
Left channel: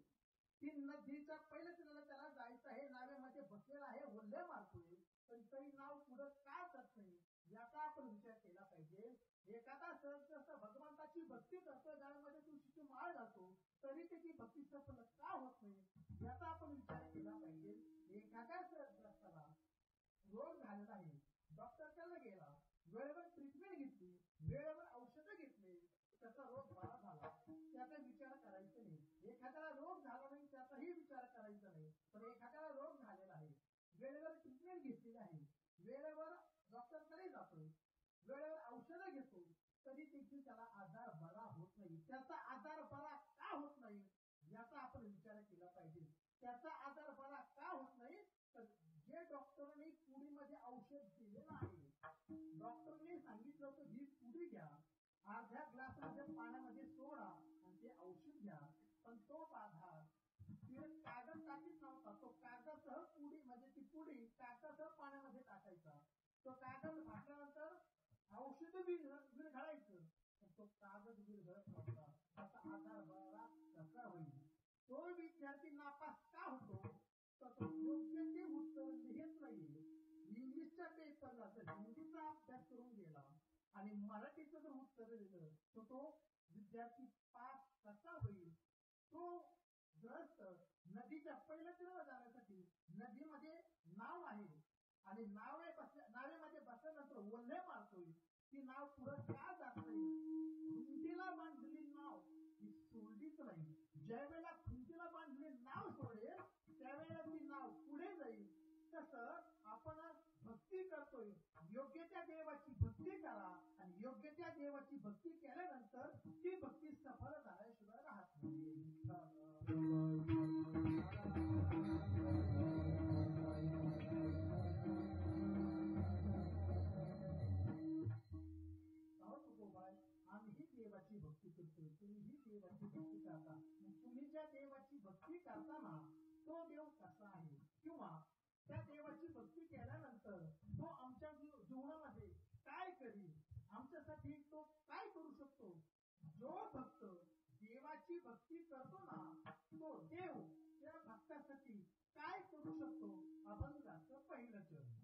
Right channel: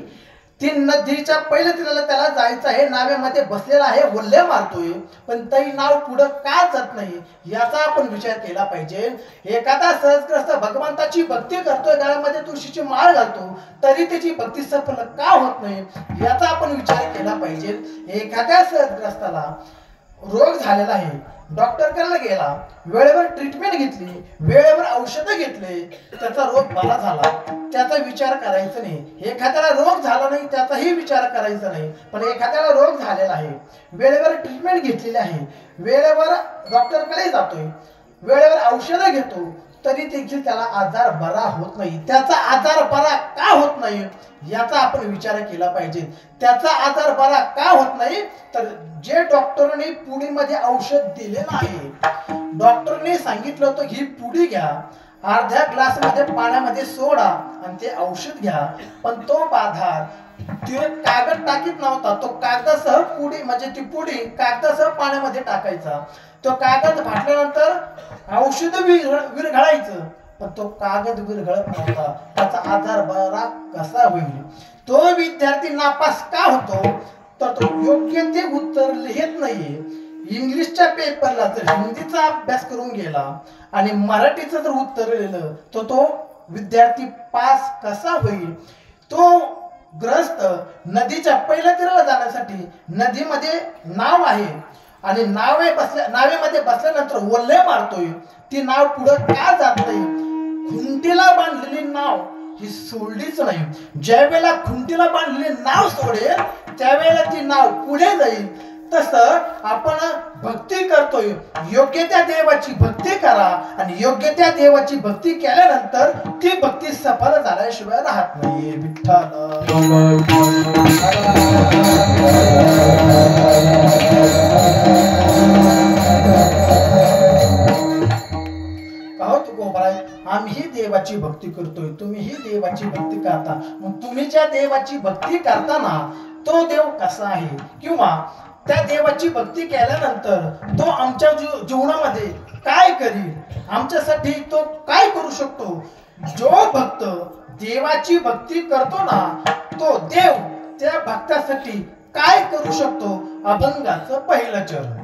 ती नदीच्या पहिल्या तीराला त्याला जायचं आहे, नावेमध्ये बसलेला आहे, वल्हे मारतोय, पण तरी नाव पुढे का जात नाही याचा आपण विचार केला पाहिजे. एखादा सहजग्रस्त भगवंताची भक्ती करतोय, गळ्यामध्ये तुळशीची माळ घालतो, तरी त्याची भक्ती सफल का होत नाही याचा आपण विचार केला पाहिजे. एखाद्या सहजग्रस्ताला रोग झालेला आहे, डॉक्टरकडे गेला, वेळेवर ट्रीटमेंट घेतली, वेळेवर औषधं घेतले, त्याचा रोग बरा झाला, त्याचा त्याचा विचार करायचा नाही, एखाद्याला रोग झाला नाही त्याचाही विचार करायचा नाही. पण एखाद्याला रोग झालेला आहे, वेळेवर ट्रीटमेंट घेतलेली आहे, वेळेवर डॉक्टरकडे जातोय, वेळेवर औषधं घेतो, तरी देखील त्याला आजार बरा होत नाही. त्याचा आजार बरा का होत नाही याचा आपण विचार केला पाहिजे. त्याचा आजार बरा का होत नाही तर जे डॉक्टरने पुडीमध्ये औषध दिलेलं आहे, डॉक्टरने सांगितलं होतं ही पुडी घ्या, अर्ध्या ग्लास मध्ये पाण्यामध्ये सोडा आणि ते औषध घ्या, पण तो बाधार ते कागद टाकीत नव्हता. तो कागदासह पुडी म्हणजे ती पुडी कागदासह पाण्यामध्ये टाकायचा. तो कागद फाटल्यानंतर औषध विरघळायचं, पण तो कागद विरघळत नव्हता. त्याचा आजार बरा कसा होईल? तो विद्यार्थी नापास का होतो तर तो योग्य ते उत्तर लिहित नाहीये. इंग्लिशच्या पेपरला जर हिंदीचा अभ्यास करून गेला आणि मराठीचं जर उत्तर लिहिलं तर तो विद्यार्थी पास कसा होईल? तो ग्रस्त नदीच्या पहिल्या तीराला जाण्यासाठी नदीमध्ये नाव आहे आणि नावेमध्ये बसल्यानंतर वल्ले मारतोय, ती नाव पुढे का जात नाही? खुंटीला बांधलेली नाव ही सोडलीच नाही. ज्या वेळेला खुंटीला बांधलेली नाव सोडेल त्यावेळेला ती नाव पुढे जाईल. तसं आपण भक्ती करतोय, योग्य त्या देवाची भक्ती करा आणि योग्य त्या देवाची भक्ती केल्यानंतर ती भक्ती सफल झाल्याशिवाय राहत नाहीये. विठ्ठल आम्ही देवाची भक्ती करतोय, तुम्हीही देवाची भक्ती करता. मग तुम्ही ज्या देवाची भक्ती करताना तो देव कसा आहे किंवा त्या देवाची भक्ती केल्यानंतर तो आमच्या जीवनामध्ये काय करील, आमच्यासाठी तो काय करू शकतो? जो भक्त देवाची भक्ती करतो ना तो देव त्या भक्तासाठी काय करू शकतो? अभंगाचं पहिलं चरण.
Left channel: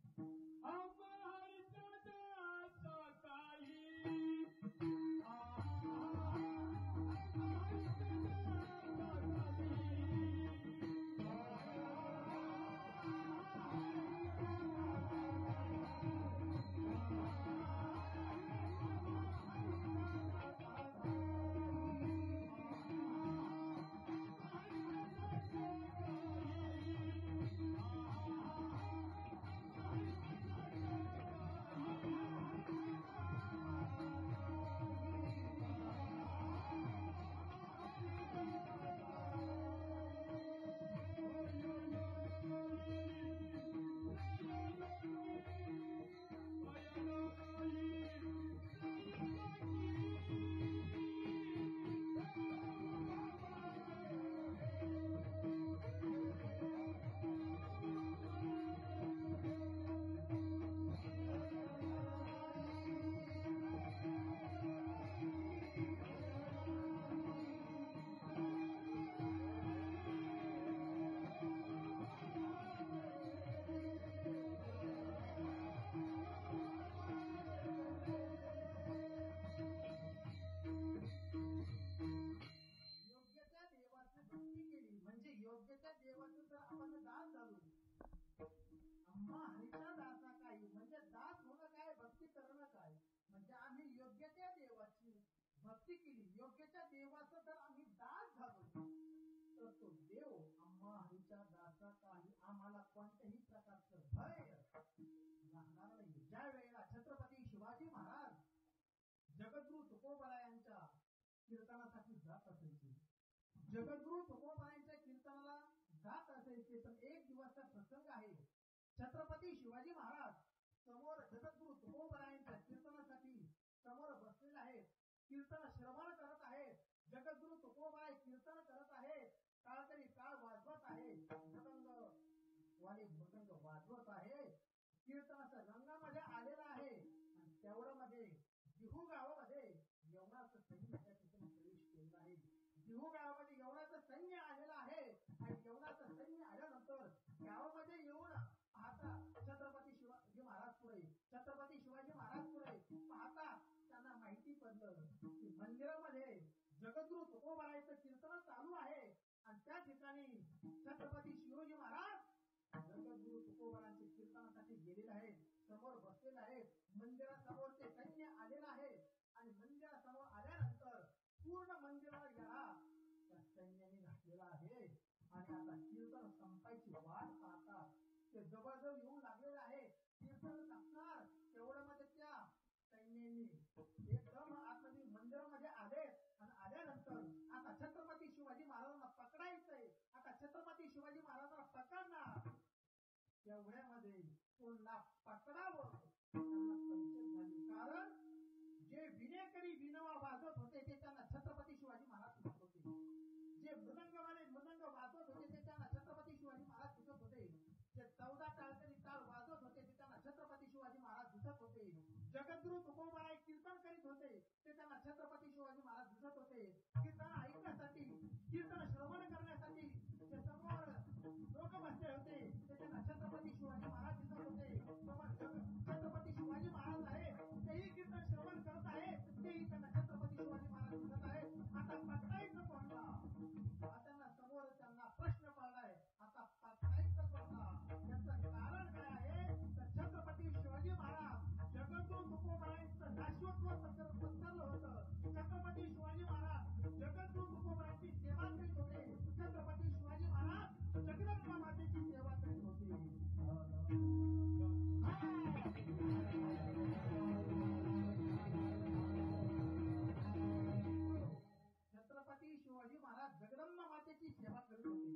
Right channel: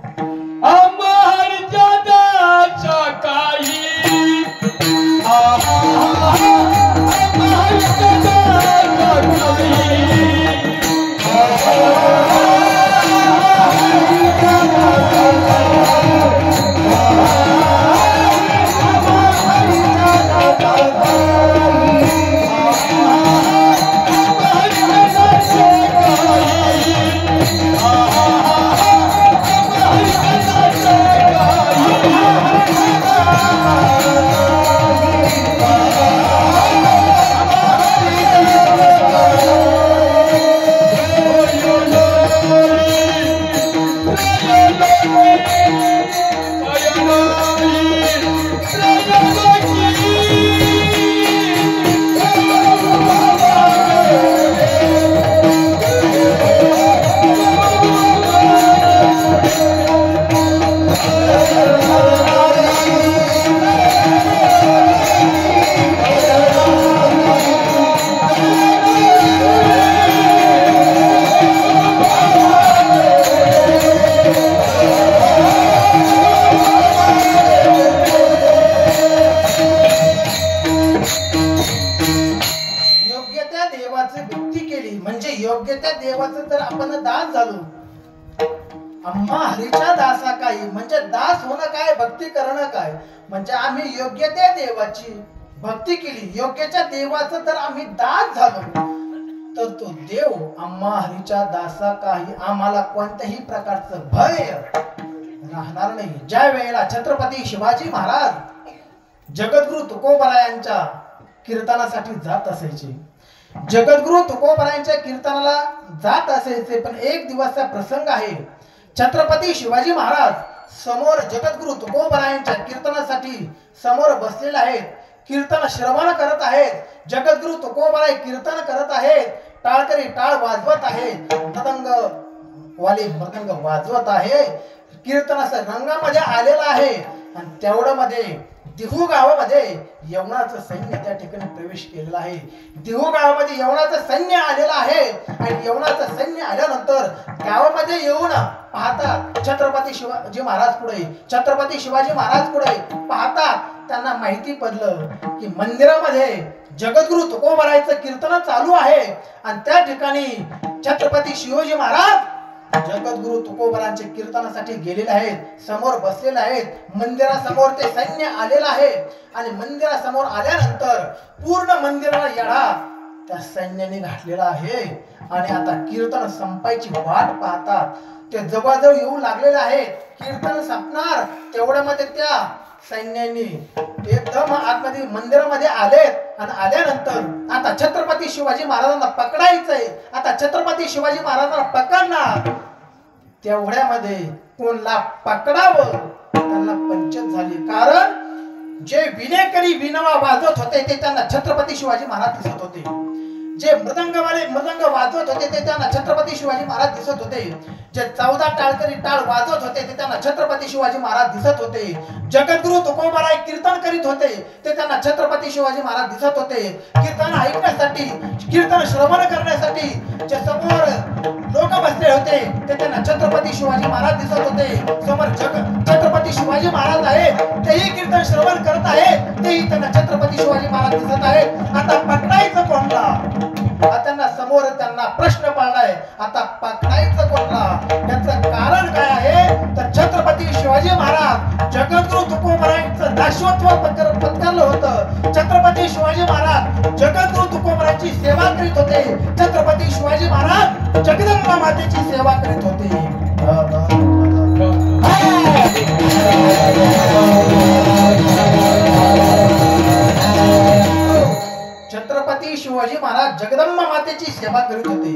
योग्य त्या देवाचं तर आपण दास झालो. आम्हा हरीच्या दासा काय म्हणजे दास होणं काय, भक्ती करणं काय म्हणजे आम्ही योग्य त्या देवाची भक्ती केली, योग्य त्या देवाचं तर आम्ही दास झालो, तर तो देव आम्हा हरीच्या दासा काही आम्हाला कोणत्याही प्रकारचं भय राहणार नाही. ज्या वेळेला छत्रपती शिवाजी महाराज जगद्गुरु तुकोबरायांच्या कीर्तनासाठी जात असायचे, जगद्गुरु तुकोबरायांच्या कीर्तनाला जात असायचे, पण एक दिवसचा प्रसंग आहे. छत्रपती शिवाजी महाराज समोर जगद्गुरु तुकोबरायांच्या कीर्तनासाठी समोर बसलेले आहेत, कीर्तन श्रवण करत आहेत. जगद्गुरु तुकोबराय कीर्तन करत आहेत, टाळकरी टाळ वाजवत आहेत, मृदंग वाले मृदंग वाजवत आहे, कीर्तनाच्या रंगामध्ये आलेला आहे. आणि तेवढं मध्ये दिहू गावामध्ये यवनाचं सैन्य त्या ठिकाणी प्रवेश केलेला आहे. दिहू गावामध्ये यवनाचं सैन्य आलेलं आहे आणि यवनाचं सैन्य आल्यानंतर गावामध्ये येऊन पाहतात छत्रपती शिवाजी महाराज पुढे, छत्रपती शिवाजी महाराज पुढे पाहतात. त्यांना माहिती पडलं की मंदिरामध्ये जगद्गुरु तुकोबरायचं कीर्तन चालू आहे आणि त्या ठिकाणी छत्रपती शिवाजी महाराज जगद्गुरु तुकोबरांचे कीर्तनासाठी गेलेले आहेत, समोर बसलेले आहेत. मंदिरासमोर ते सैन्य आलेलं आहे आणि मंदिरासमोर आल्यानंतर पूर्ण मंदिराला येढा त्या सैन्याने घातलेला आहे आणि आता कीर्तन संपायची वाट पाहतात. ते जवळजवळ येऊ लागलेले आहेत. कीर्तन संपणार तेवढ्यामध्ये त्या सैन्याने एकदम आतमध्ये मंदिरामध्ये आलेत आणि आल्यानंतर आता छत्रपती शिवाजी महाराजांना पकडायचंय. आता छत्रपती शिवाजी महाराजांना पकडणार तेवढ्यामध्ये कोणला पकडावं त्यांना पंचायत झाली. कारण जे विनेकरी विनवा वाजवत होते ते त्यांना छत्रपती शिवाजी महाराज दिसत होते. जे मृदंगवाले मृदंग वाजवत होते ते त्यांना छत्रपती शिवाजी महाराज दिसत होते. जे 14 टाळकरी टाळ वाजवत होते ते त्यांना छत्रपती शिवाजी महाराज दिसत होते. जगद्गुरु तुकोबाराय कीर्तन करीत होते ते त्यांना छत्रपती शिवाजी महाराज दिसत होते. कीर्तन ऐकण्यासाठी कीर्तन श्रवण करण्यासाठी जे समोर लोक बसले होते ते त्यांना छत्रपती शिवाजी महाराज दिसत होते. समोर छत्रपती शिवाजी महाराज आहेत तेही कीर्तन श्रवण करत आहेत, तेही त्यांना छत्रपती शिवाजी महाराज दिसत आहेत. आता पकडायचं कोणला? त्यांना समोर त्यांना प्रश्न पडलाय. आता पकडायचं कोणला? याचं कारण काय आहे तर छत्रपती शिवाजी महाराज जगद्गुरु तुकोबरायांचं दासत्व पत्करलं होतं. छत्रपती शिवाजी महाराज जगद्गुरु तुकोबरायांची सेवा करीत होते. छत्रपती शिवाजी महाराज जगदंबा मातेची सेवा करीत होते. छत्रपती शिवाजी महाराज जगदंबा मातेची सेवा करीत होते.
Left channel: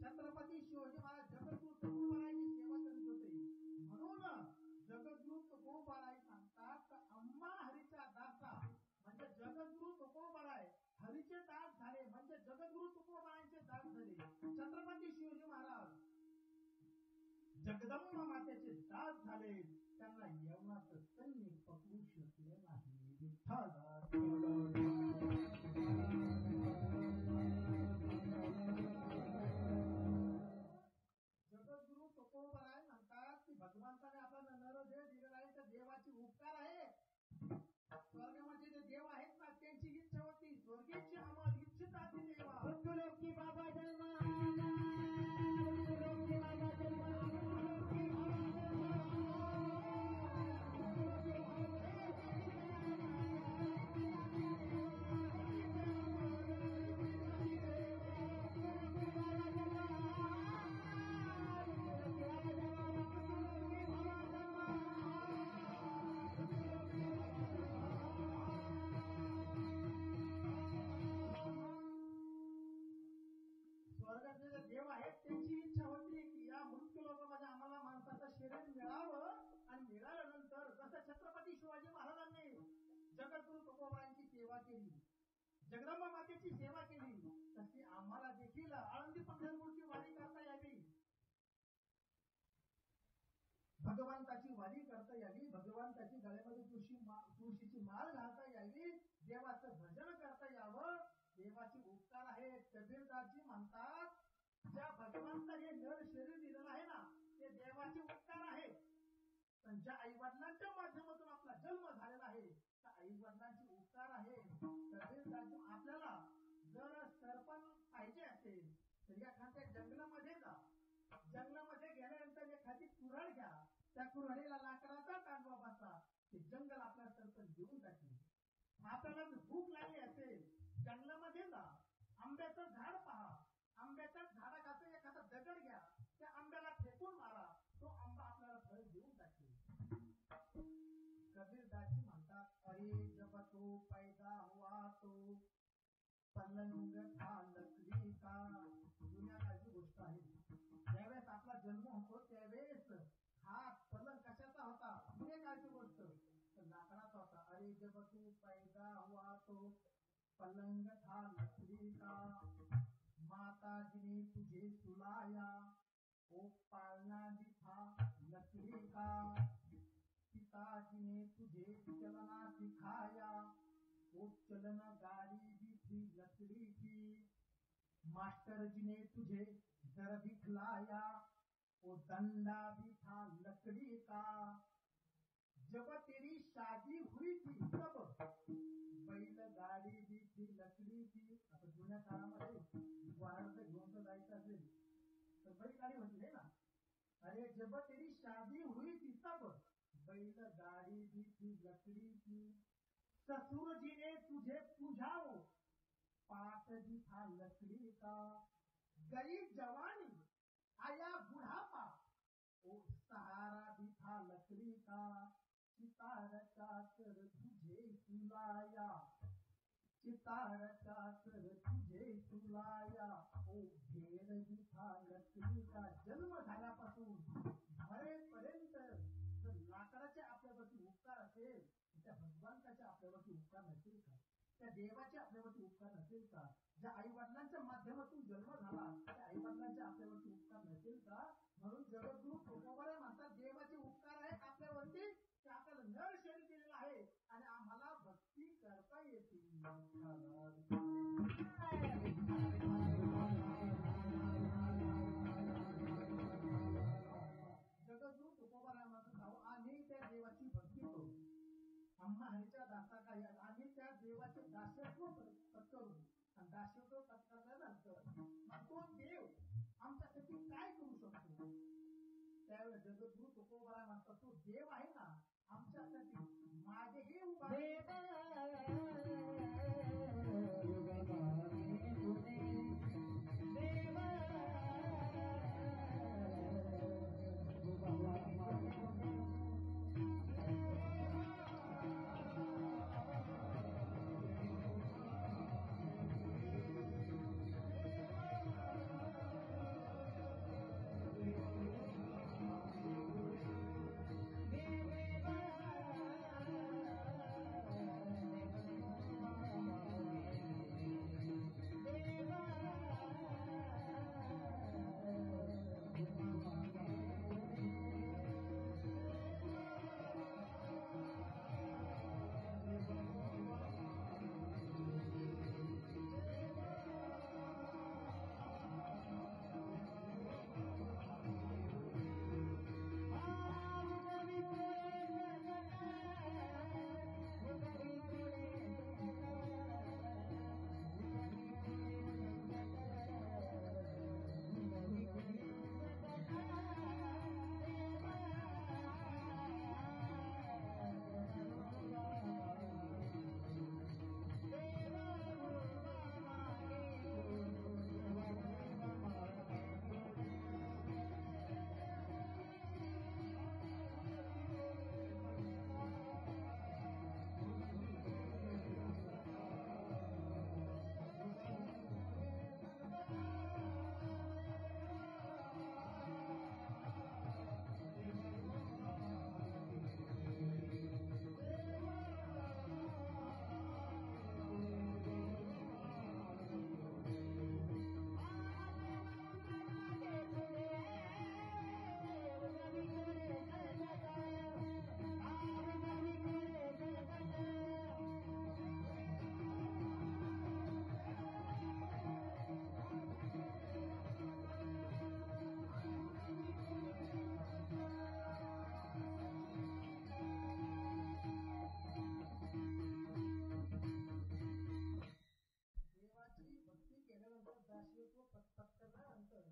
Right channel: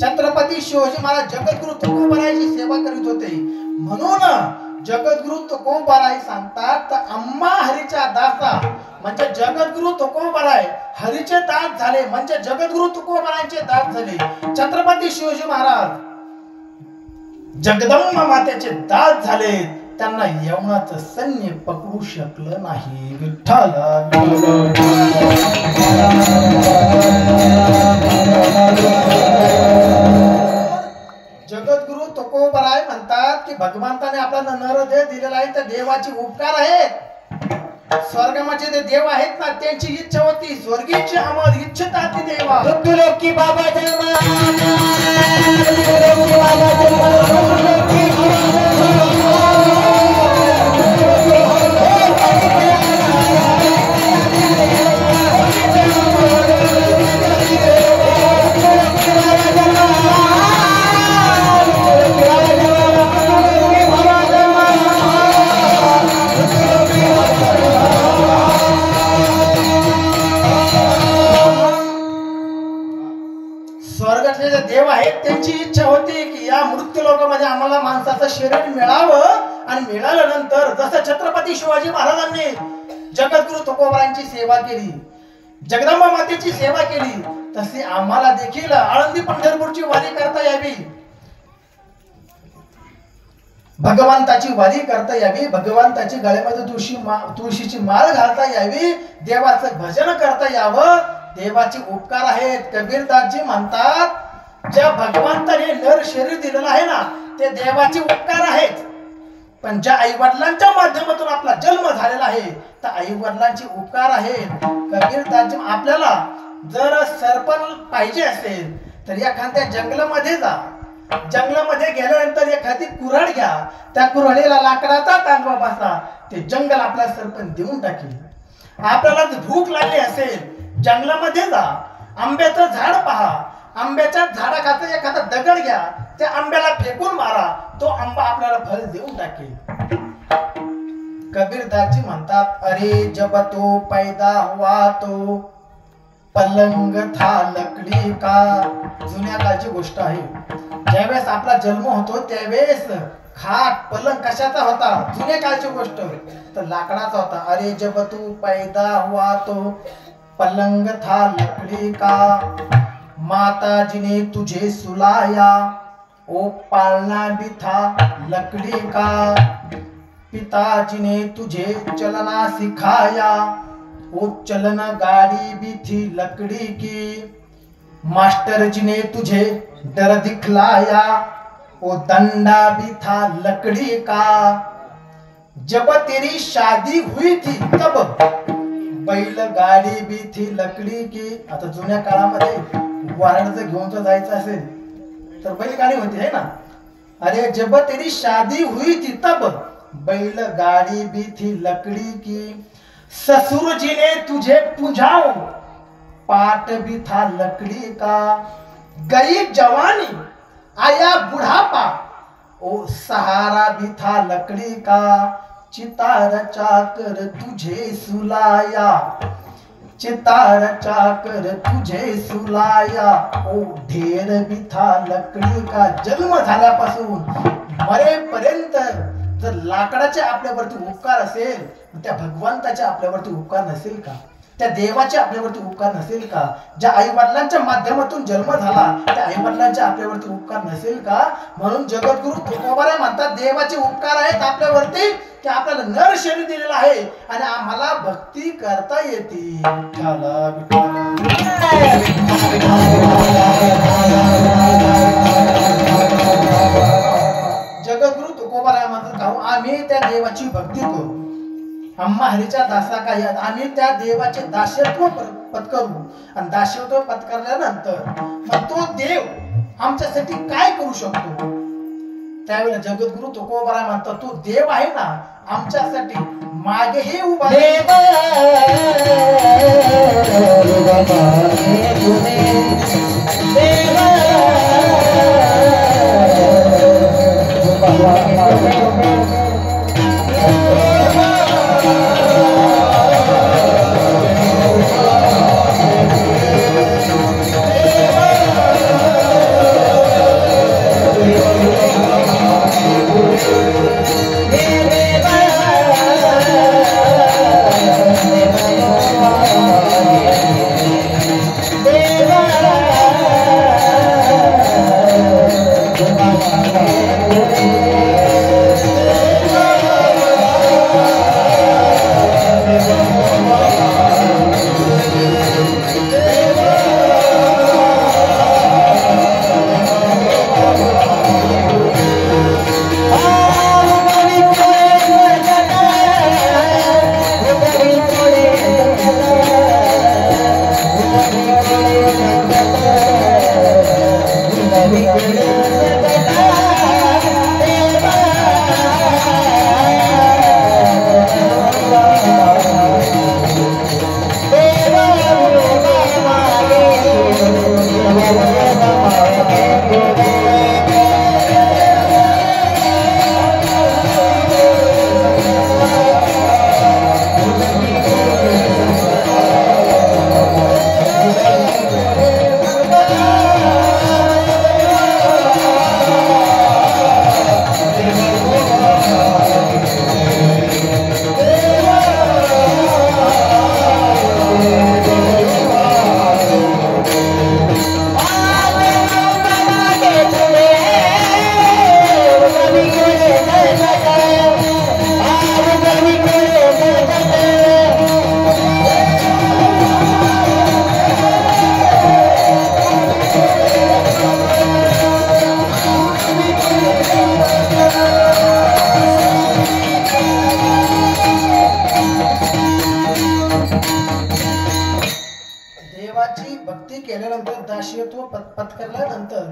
छत्रपती शिवाजी महाराज जगद्गुरु तुकोबरायांची सेवा करीत होते. म्हणून जगद्गुरु तुकोबराय सांगतात अम्मा हरीच्या दासा म्हणजे जगद्गुरु तुकोबराय हरीचे दास झाले म्हणजे जगद्गुरु तुकोबरायांचे दास झाले. छत्रपती शिवाजी महाराज जगदंबा मातेचे दास झाले. त्यांना यवनाचं सैन्य पकडू शकलं नाही. विठ्ठल जगद्गुरु तुकोबराय म्हणतात की भगवंताने आपल्याला नरदेह दिलेला आहे तर देवाची उपकार आहेत. स्वर्गामध्ये जे देव आहेत ना त्यांची इच्छा होती स्वर्गीची अमर इच्छता ती देवा लोकी बाबा जन्मा देव आहेत त्यांची इच्छा होती की या मृत्यू लोकांमध्ये आम्हाला माणसाचं शरीर मिळावं आणि मिळाल्यानंतर जसं छत्रपती शिवाजी महाराजांनी जगद्गुरु तुकोबरायांची सेवा केली, जगदंबा मातेची सेवा केली, तशी आम्हाला देखील आळंदी पंढरपूरची वारी करता यावी, भगवंताची वारी करता यावी, भगवंताची गळ्यामध्ये तुळशीची माळ घालता यावी, देवाचं भजन करता यावं. देवाचे उपकार आहेत. कबीरदासजी म्हणतात ज्या भगवंताने नर शरीर दिलेलं आहे ना ते देवाचे उपकार आहेत. पण ज्या आई वडिलांच्या माध्यमातून आपला जन्म झालेला आहे तर आई वडिलांचे उपकार आहेत. कबीरदासजी आपल्याला जर सरपण पाहिजे असेल तर एखाद्या जंगलामध्ये जा. जंगलामध्ये गेल्यानंतर एखादी कुऱ्हाड घ्या, त्या कुऱ्हाडीला लाकडाचा तांबा बसा, ते जंगल आपल्याला सरपण देऊन टाकेल. आपल्याला भूक लागली असेल जंगलामध्ये जा, आंब्याचं झाड पहा, आंब्याच्या झाडाखाली एखादा दगड घ्या, त्या आंब्याला फेकून मारा, तो आंबा आपल्याला फळ देऊन टाकेल. कबीरदासजी म्हणतात अरे जब तो पैदा हुआ तो पलंग था लकड़ी का. जुन्या काळची गोष्ट आहे. ज्यावेळेस आपला जन्म होतो त्यावेळेस खाट पलंग कशाचा होता? जुन्या काळची गोष्ट तर लाकडाचा होता. अरे जब तू पैदा हुआ तो पलंग था लकड़ी का, माता जी ने तुझे सुलाया ओ पालना भी था लकड़ी का, पिताजी ने तुझे चलना सिखाया वो चलना गाड़ी भी थी लकड़ी की, मास्टर जी ने तुझे डर दिखलाया वो डंडा भी था लकड़ी का, जब तेरी शादी हुई थी तब बैल गाडी भी थी लकड़ी की. आता जुन्या काळामध्ये वारणाचं घेऊन जर जायचं असेल तर बैलगाडी होती है ना. अरे जब तेरी शादी हुई थी तब बैलगाड़ी भी थी लकड़ी की, ससुर जी ने तुझे पूंझाओ पाट भी था लकड़ी का, गई जवानी आया बुढ़ापा ओ सहारा भी था लकड़ी का, चितार चाकर तुझे सुलाया, चितार चाकर तुझे सुलाया ओ ढेर भी था लकडी का. जन्म झाल्यापासून मरेपर्यंत जर लाकडाचे आपल्यावरती उपकार असेल, त्या भगवंताचे आपल्यावरती उपकार नसेल का? त्या देवाचे आपल्यावरती उपकार नसेल का? ज्या आई वडिलांच्या माध्यमातून जन्म झाला त्या आई वडिलांचे आपल्यावरती उपकार नसेल का? म्हणून जगद्गुरु तुकोबाराय म्हणतात देवाचे उपकार आहेत आपल्यावरती की आपल्याला नर शरीर दिलेलं आहे आणि आम्हाला भक्ती करता येते. जगद्गुरु तुकोबाराय म्हणतात आम्ही त्या देवाची भक्ती करू, आम्हा हरीच्या दासा काही आम्ही त्या देवाचे दास्यत्व पत्करू आणि दास्यत्व पत्करल्यानंतर मग तो देव आमच्यासाठी काय करू शकतो. त्यावेळेला जगद्गुरु तुकोबाराय म्हणतात तो देव आहे ना आमच्यासाठी मागेही उभा पत्करल्यानंतर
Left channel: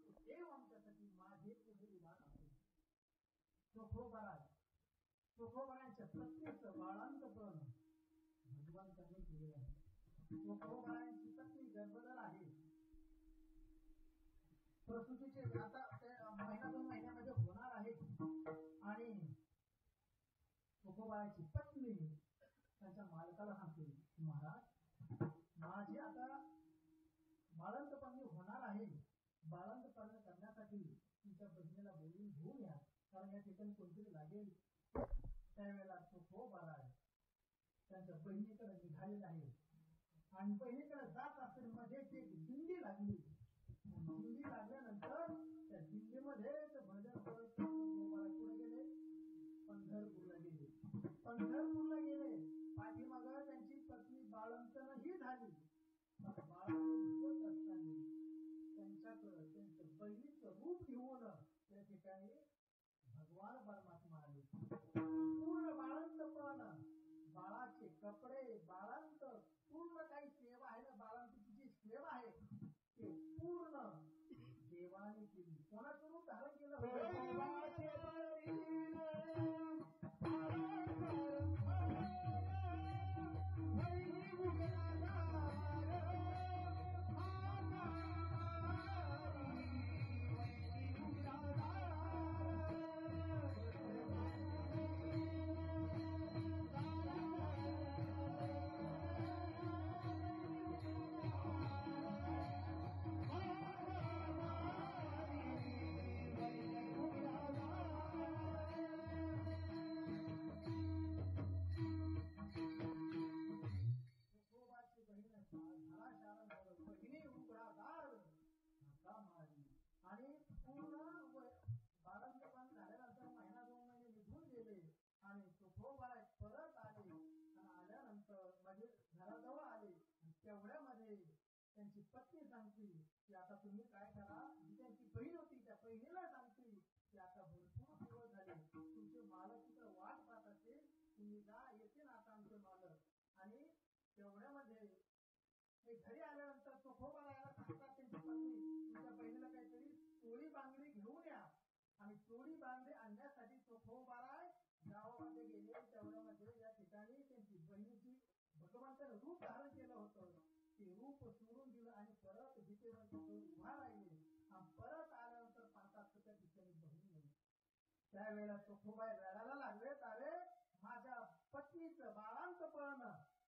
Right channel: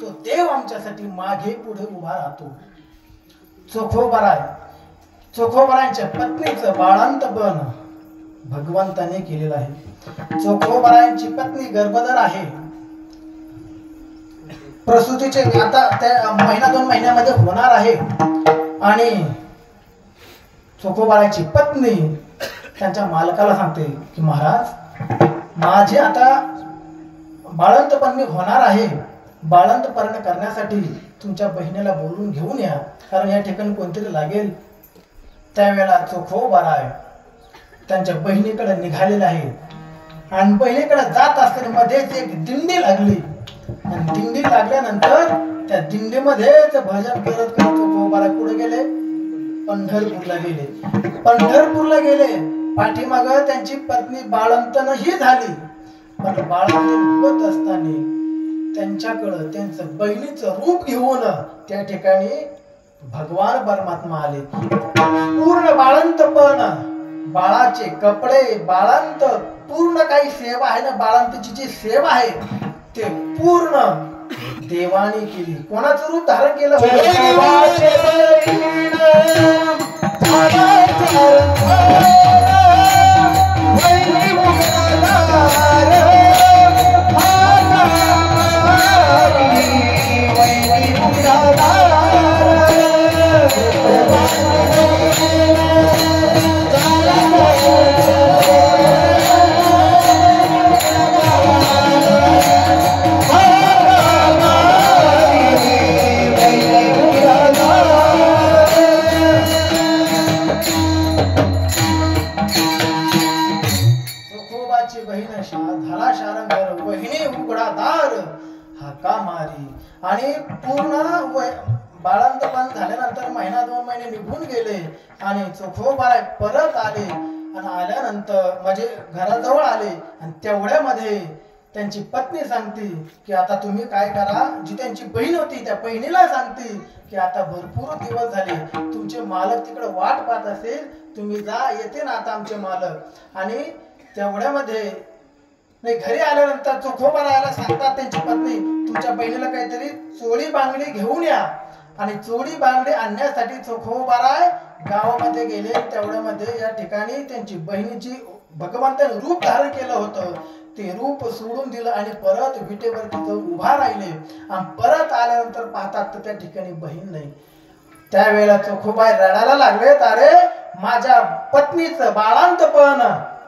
तो देव आमच्यासाठी मागे पुढे उभा राहतो. चोखोबारायांच्या पत्नीचं बाळांतपण भगवंताने केलेलं आहे. चोखोबारायांची पत्नी गर्भधर आहे. प्रसूतीचे आता त्या महिना 2 महिन्यामध्ये होणार आहे आणि चोखोबारायांची पत्नी त्यांच्या मालकाला सांगते की महाराज माझे आता बाळंतपण होणार आहे, बाळंतपण करण्यासाठी तुमच्या बहिणीला बोलून घेऊन या कारण या ठिकाणी कोणतरी लागेल. त्यावेळेला चोखोबाराय त्यांच्या बहिणीकडे निघालेले आहे आणि बहिणीकडे जात असताना मध्येच एक दिंडी लागली आणि दिंडी लागल्यानंतर त्या दिंडीमध्येच भजन करत करत चोखोबाराय पुढे गेले, पंढरपूरला गेले. पंढरपूरला गेले पाठीमाग त्यांची पत्नी बाळंतनही झाली पण बाळंतीण होत असताना त्यांच्याकडे त्यांचं बहिणीचं रूप घेऊन त्या ठिकाणी भगवान परमात्मा आले. पूर्ण बाळंतपण, बाळाचे कपडे, बाळंत पूर्ण काही सेवा आहे ना, बाळंतीची जी सेवा आहे ते पूर्ण देवाने केली. कोणाचं रूप धारण केलं होतं? देवाचे बहीण वैरी मुक्ताधार वैरी मुक्ताधार आणि पूर्ण बाळंतपण झाल्यानंतर महिना 2 महिने निघून गेले आणि चोखोबा परत आले आणि आल्यानंतर म्हणजे घराजवळ आले आणि तेवढ्यामध्ये त्यांची पत्नी सांगते की आता तुम्ही काय करा. जी त्यांची बहीण होती त्या बहिणीला सांगते की आता भरपूर दिवस झाले तुमचे मालक तिकडे वाट पाहत असेल, तुम्ही जा, येते ना आता आमचे मालक. आणि तेवढ्यामध्ये नाही घरी आल्यानंतर चोखोबा राहायला सांगतात त्यांची पत्नी तुमच्या बहिणीला काहीतरी चोळी बांगडी घेऊन या. आणि चोळी बांगडी आणण्यासाठी चोखोबाराय गावामध्ये गेले. तेवढ्यामध्ये या ठिकाणी त्यांची बहिणीची भगवंताने रूप धारण केलं होतं. ते रूप सोडून दिलं आणि परत विटेवरती जाऊन उभा राहिले आणि परत आल्यानंतर पाहतात तर त्या ठिकाणी बहीण नाही. त्यावेळेला चोखोबाई रडायला लागले, अरे माझ्या पत्नीचं बाळांतपण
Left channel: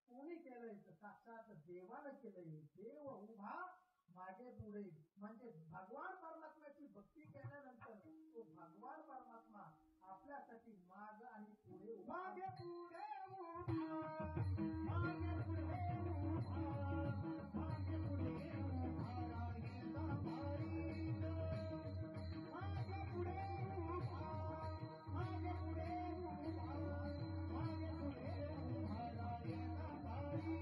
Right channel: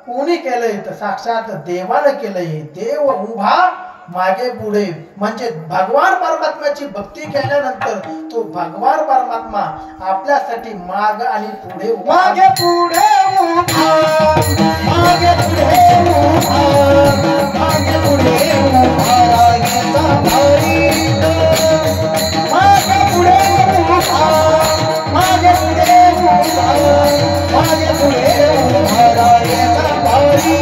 कोणी केलंय? तर साक्षात देवानं केलंय. देव उभा मागे पुढे म्हणजे भगवान परमात्म्याची भक्ती केल्यानंतर तो भगवान परमात्मा आपल्यासाठी माग आणि पुढे मागे पुढे उभा मागे पुढे उभा मागे पुढे उभा रायचा भारी मागे पुढे उभा मागे पुढे उभा मागे पुढे उभा रायचा भारी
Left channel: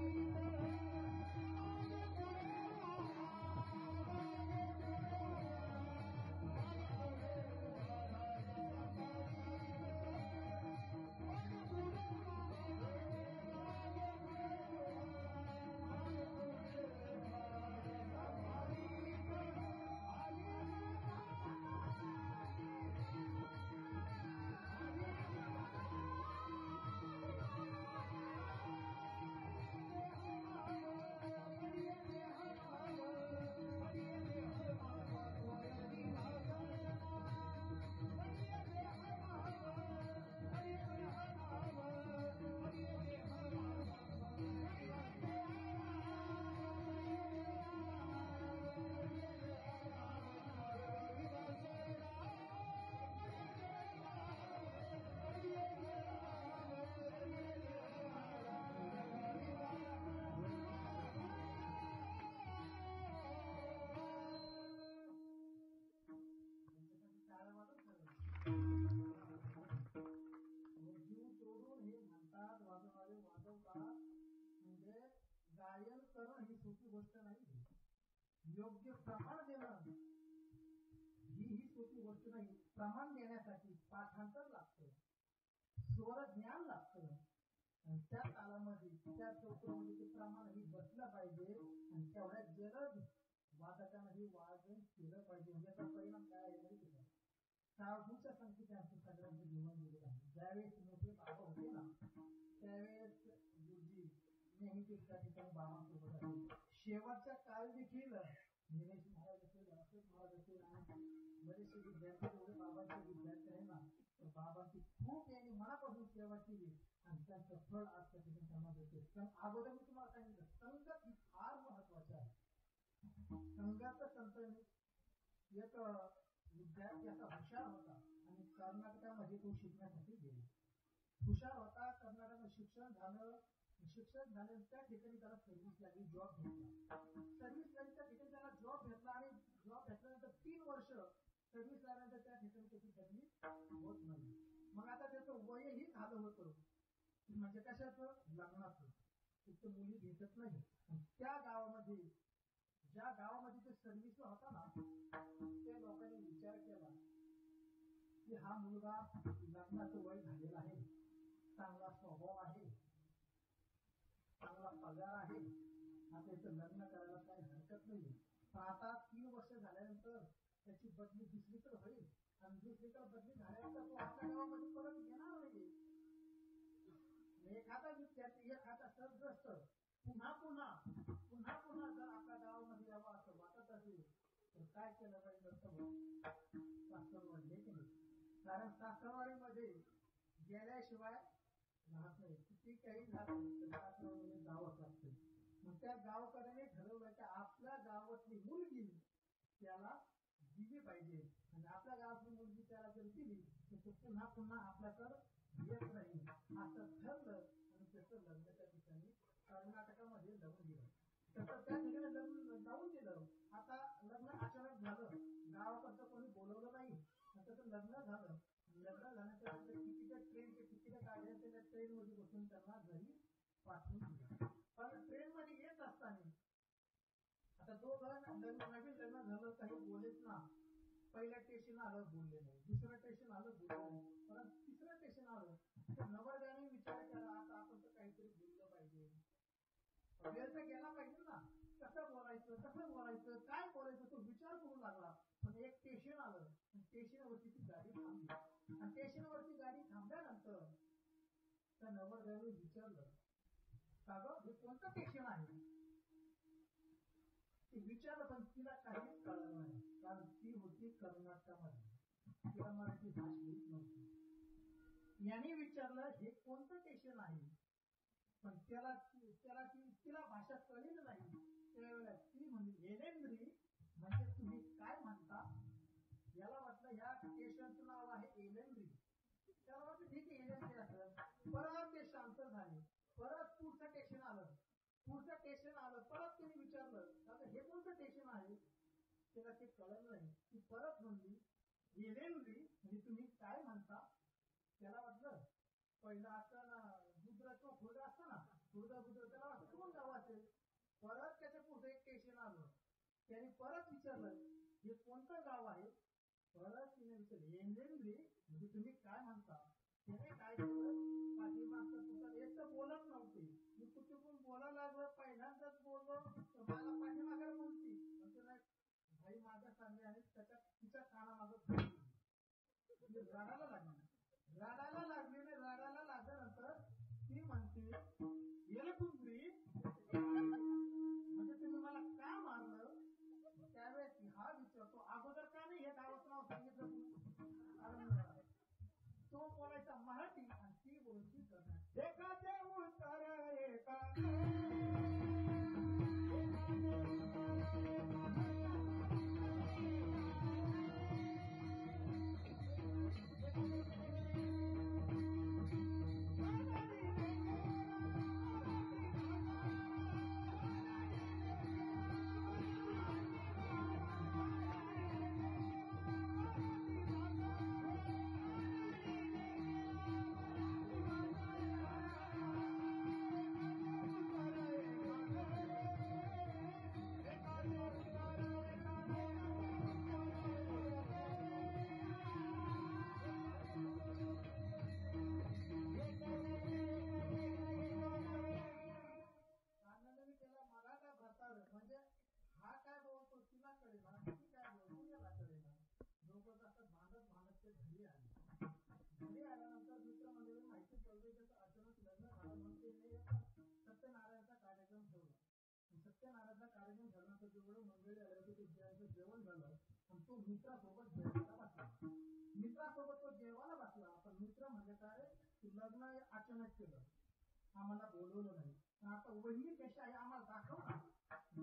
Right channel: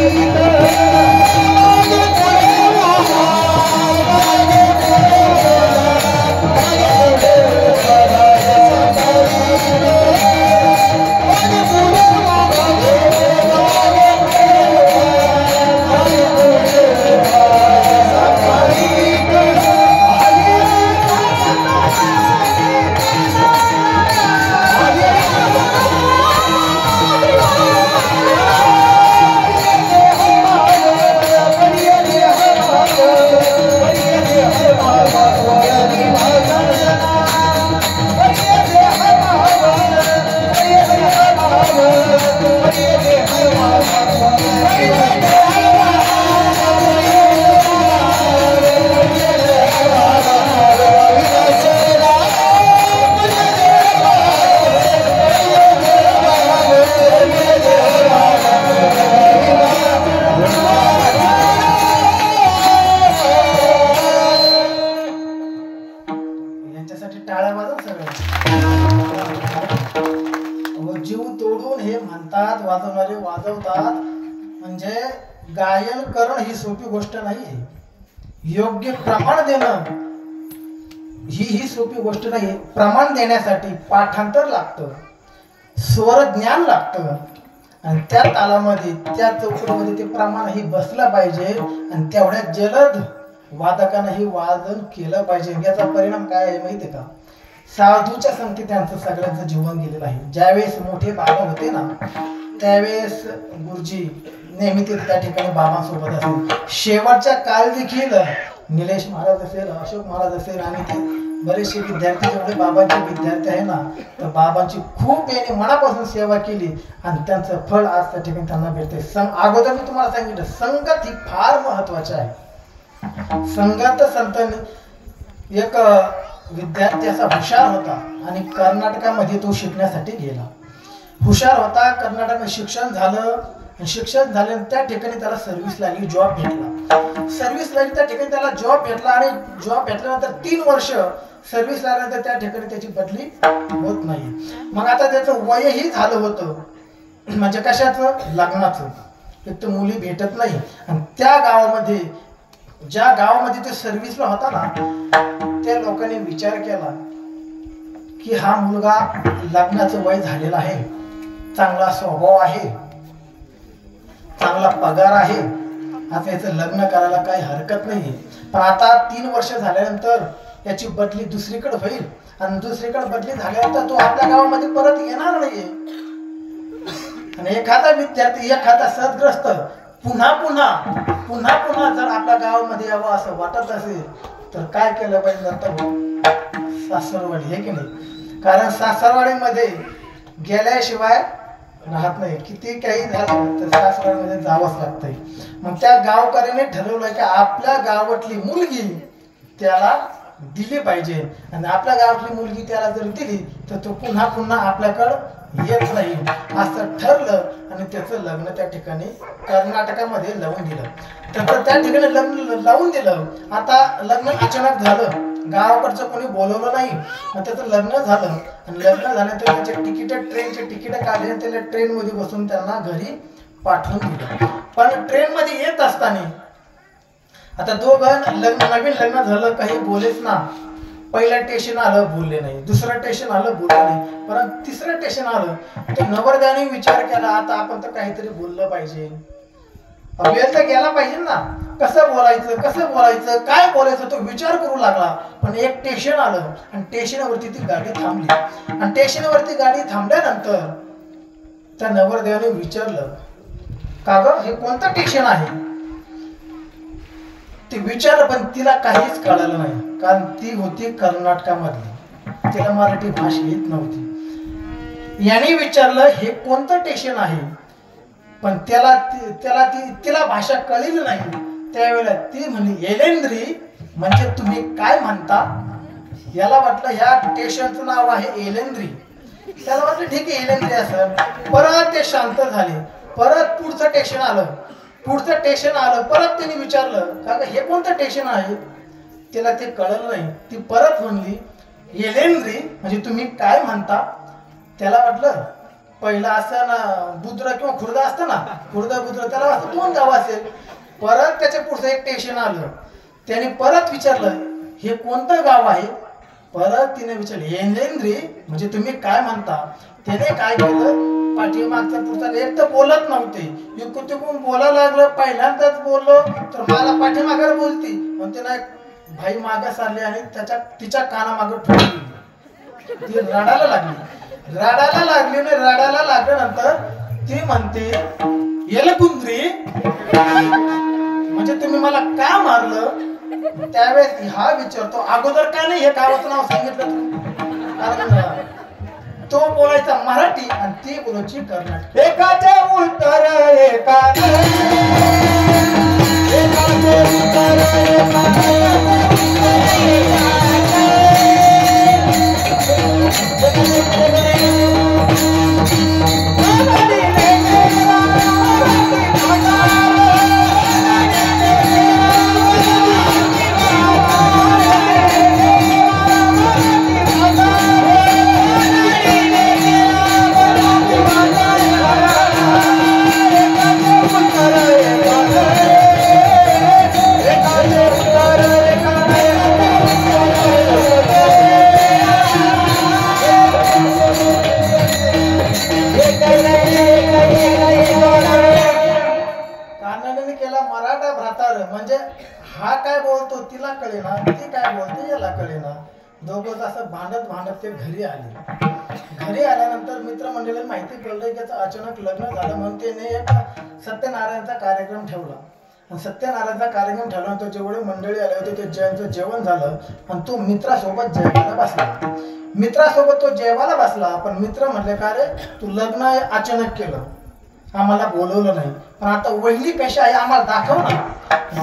गायन करणं ही सोपी गोष्ट नाही. योग्य प्रमाण देणं ही सोपी गोष्ट नाही. प्रमाण देण्यासाठी पाठांतर लागतं, स्वर ज्ञान लागतं आणि त्या तालामध्ये त्या चौकटीमध्ये ते प्रमाण ही बसलं पाहिजे आणि तेवढ्या जलद वादकानं ही वादन केलं पाहिजे. याचा परिणाम काय आहे माहिती का? साधूच्या संगती त्यांचं सगळ्यांचं जीवन गेलेलं आहे. ज्यावेळेस मोठे बाबा होते ना त्यावेळेस गुरुजी नेहमी ते त्या ठिकाणी बाबांसोबत असेल. शेवटच्या काळ देखील निलेश महाराज असेल, अशोक महाराज असेल आणि ते बरेचसे विद्यार्थी जेवढे बाबांचे विद्यार्थी आहे ना तर बाबांची खूप याने मनापासून सेवा केली आणि त्यांचं फळ आज त्या ठिकाणी त्यांना भेटते. अगोदर मी तुम्हाला सांगितलं संगत ही फार महत्वाची आहे. संगत संत एक विद्यार्थी असा हुशार होता आणि कर्नाटकामध्ये तो शिकण्यासाठी गेला. हुशार होता, कर्नाटकात शिक्षण झालं. शिक्षण झाल्यानंतर त्या ठिकाणी त्याला सर्व्हिस लागली, जॉब भेटला. सर्व्हिस लागली त्या ठिकाणी त्याला जॉब भेटला आणि जॉब भेटल्यानंतर 3 वर्ष सर्व्हिस लागल्यानंतर त्या ठिकाणी त्याची बदली होत नाही. मग आता त्याचं वयही झालं होतं म्हणजे कशाचं? लग्नाचं. एक तर मुली भेटत नाही आणि त्या गावामध्ये ज्या गावामध्ये ते सर्व्हिसला होता ना त्या लोकांनी विचार केला की हा मुलगा लग्नाचं वय झालेला आहे, चांगला स्वभाव आहे, चांगला पगार आहे, आता याचं लग्न करायला काही हरकत नाही. पण आता 3 वर्ष झाल्यानंतर याची बदली दुसरीकडे होईल आणि दुसरीकडे बदली झाल्यानंतर तो आपल्या गावामध्ये परत येणार नाहीये. आणि एखादा विद्यार्थी एखादा सद्ग्रस्त पुन्हा पुन्हा पुन्हा पुन्हा जर आपल्या गावामध्ये यावं असं वाटत असेल तर काय केलं पाहिजे नंतर सासरवाडी, हे की नाही? कारण सासरवाडीमध्ये गेल्याशिवाय राहत नाही. किती काही झालं तर सासरवाडीमध्ये जावंच लागतंय. मग त्या गावकऱ्याने ठरवलं की आपल्या गावातली मुलगी त्याला दिली पाहिजे आणि आपल्या गावातली मुलगी त्याला जर दिली तर तो पुन्हा पुन्हा आपल्याकडं येत नाही असं ठरलं आणि त्याचं लग्न त्या ठिकाणी कर्नाटकामध्ये लावून दिलं. तर त्या ठिकाणी लग्न लावून दिलं. आता लग्न अचानक झालं, गावाकडचं कोणी बोलवलं नाही. मग त्याचं लग्न झालं आणि लग्न झाल्यानंतर त्याचे ट्रेनचे तिकीट काढले, त्याला ट्रेनमध्ये बसून त्यांना घरी पाठवून दिलं. पण ट्रेनमध्ये येत असताना आता दोघं नवीन लग्न झालं, काही बोलेच ना. पहिलं स्टेशन आलं बोलले नाही, दुसरं स्टेशन आलं बोलले नाही, परंतु तिसरं स्टेशन आलं तर नवरदेवाने विचार केला आता आपण तर काहीतरी बोललं पाहिजे, वेळ तर गेला पाहिजे ना. कसं बोलायचं काय बोलायचं तो विचार करू लागला. पण एक स्टेशन आलं आणि स्टेशनवरती ती गाडी थांबली आणि स्टेशनवरती गाडी थांबल्यानंतर त्या नवरदेवाने विचारलं का ग हे कोणतं स्टेशन आहे? ती विचारलं पण तिला काहीच कळालं नाही, कारण ती होती कर्नाटकामधली, तिला मराठी भाषा येत नव्हती. याने विचारलं हे कोणतं स्टेशन आहे, पण तिला भाषा कळली नाही. त्यावेळेला ती म्हणली एलेंद्री, म्हणजे तुम्ही काय म्हणता? याला वाटलं ह्या स्टेशनचं नाव आहे एलेंद्री. त्याला वाटलं ठीक आहे एलेंद्री असं. परत ते शांत झाले. परत पुढचं स्टेशन आलं. परत त्यांनी विचारलं का हे कोणतं स्टेशन आहे? तिला ते कळलं नाही. ती परत म्हणली एलेंद्री, म्हणजे तुम्ही काय म्हणता? त्याला वाटलं पहिला असं ना बुद्र किंवा खुर्दा असतं ना, खुर्दा बुद्र, त्याला वाटतं 2 गाव असेल. परत त्याच्या पुढचं एक स्टेशन आलं. त्याने परत विचारलं हे कोणतं गाव आहे? परत तिने विचारलं एलेंद्री, म्हणजे तुम्ही काय म्हणता? त्याने काय केलं, पाठीमागचा पुढचा एक तर बोलत नव्हते, इकडून तिकडून बोलायला लागलं. पहिल्यांदाच बोललो तर मला पाठीमागे बोलती, पण तिला भाई मागे सारली आणि तिच्या कानामागे ठोकली. ती रडायला लागली आणि रडायला लागल्यानंतर ती म्हणते एलकुंद्री, म्हणजे तुम्ही मला का मारलं? त्यावेळेस हा विचारतो अगोदर का नाही हे गावाचं नाव सांगितलं तुम्ही? कारण तो बोलायचा मराठी आणि ती बोलायची कर्नाटकी. एकाचे उत्तर म्हणजे हा काय बोलतो तिला कळेना, ती काय बोलते याला कळेना. दोघं असं भांडत ते घरी आल्यानंतर मित्रमंडळीला माहिती पडलं की त्याचं अचानक लग्न झालं. म्हणून त्याने एक सत्यनारायणचा कार्यक्रम ठेवला आणि सत्यनारायणचा कार्यक्रम ठेवल्यानंतर जेवढे मंडळी आले होते ते जयंचं जेवण झालं आणि तो मित्रासोबत जेवायला बसला. पण मित्र म्हटले का रे तू लग्न अचानक केलं, आम्हाला बोलवलं नाही, पण आता वहिनी कशी आहे आम्हाला दाखव ना.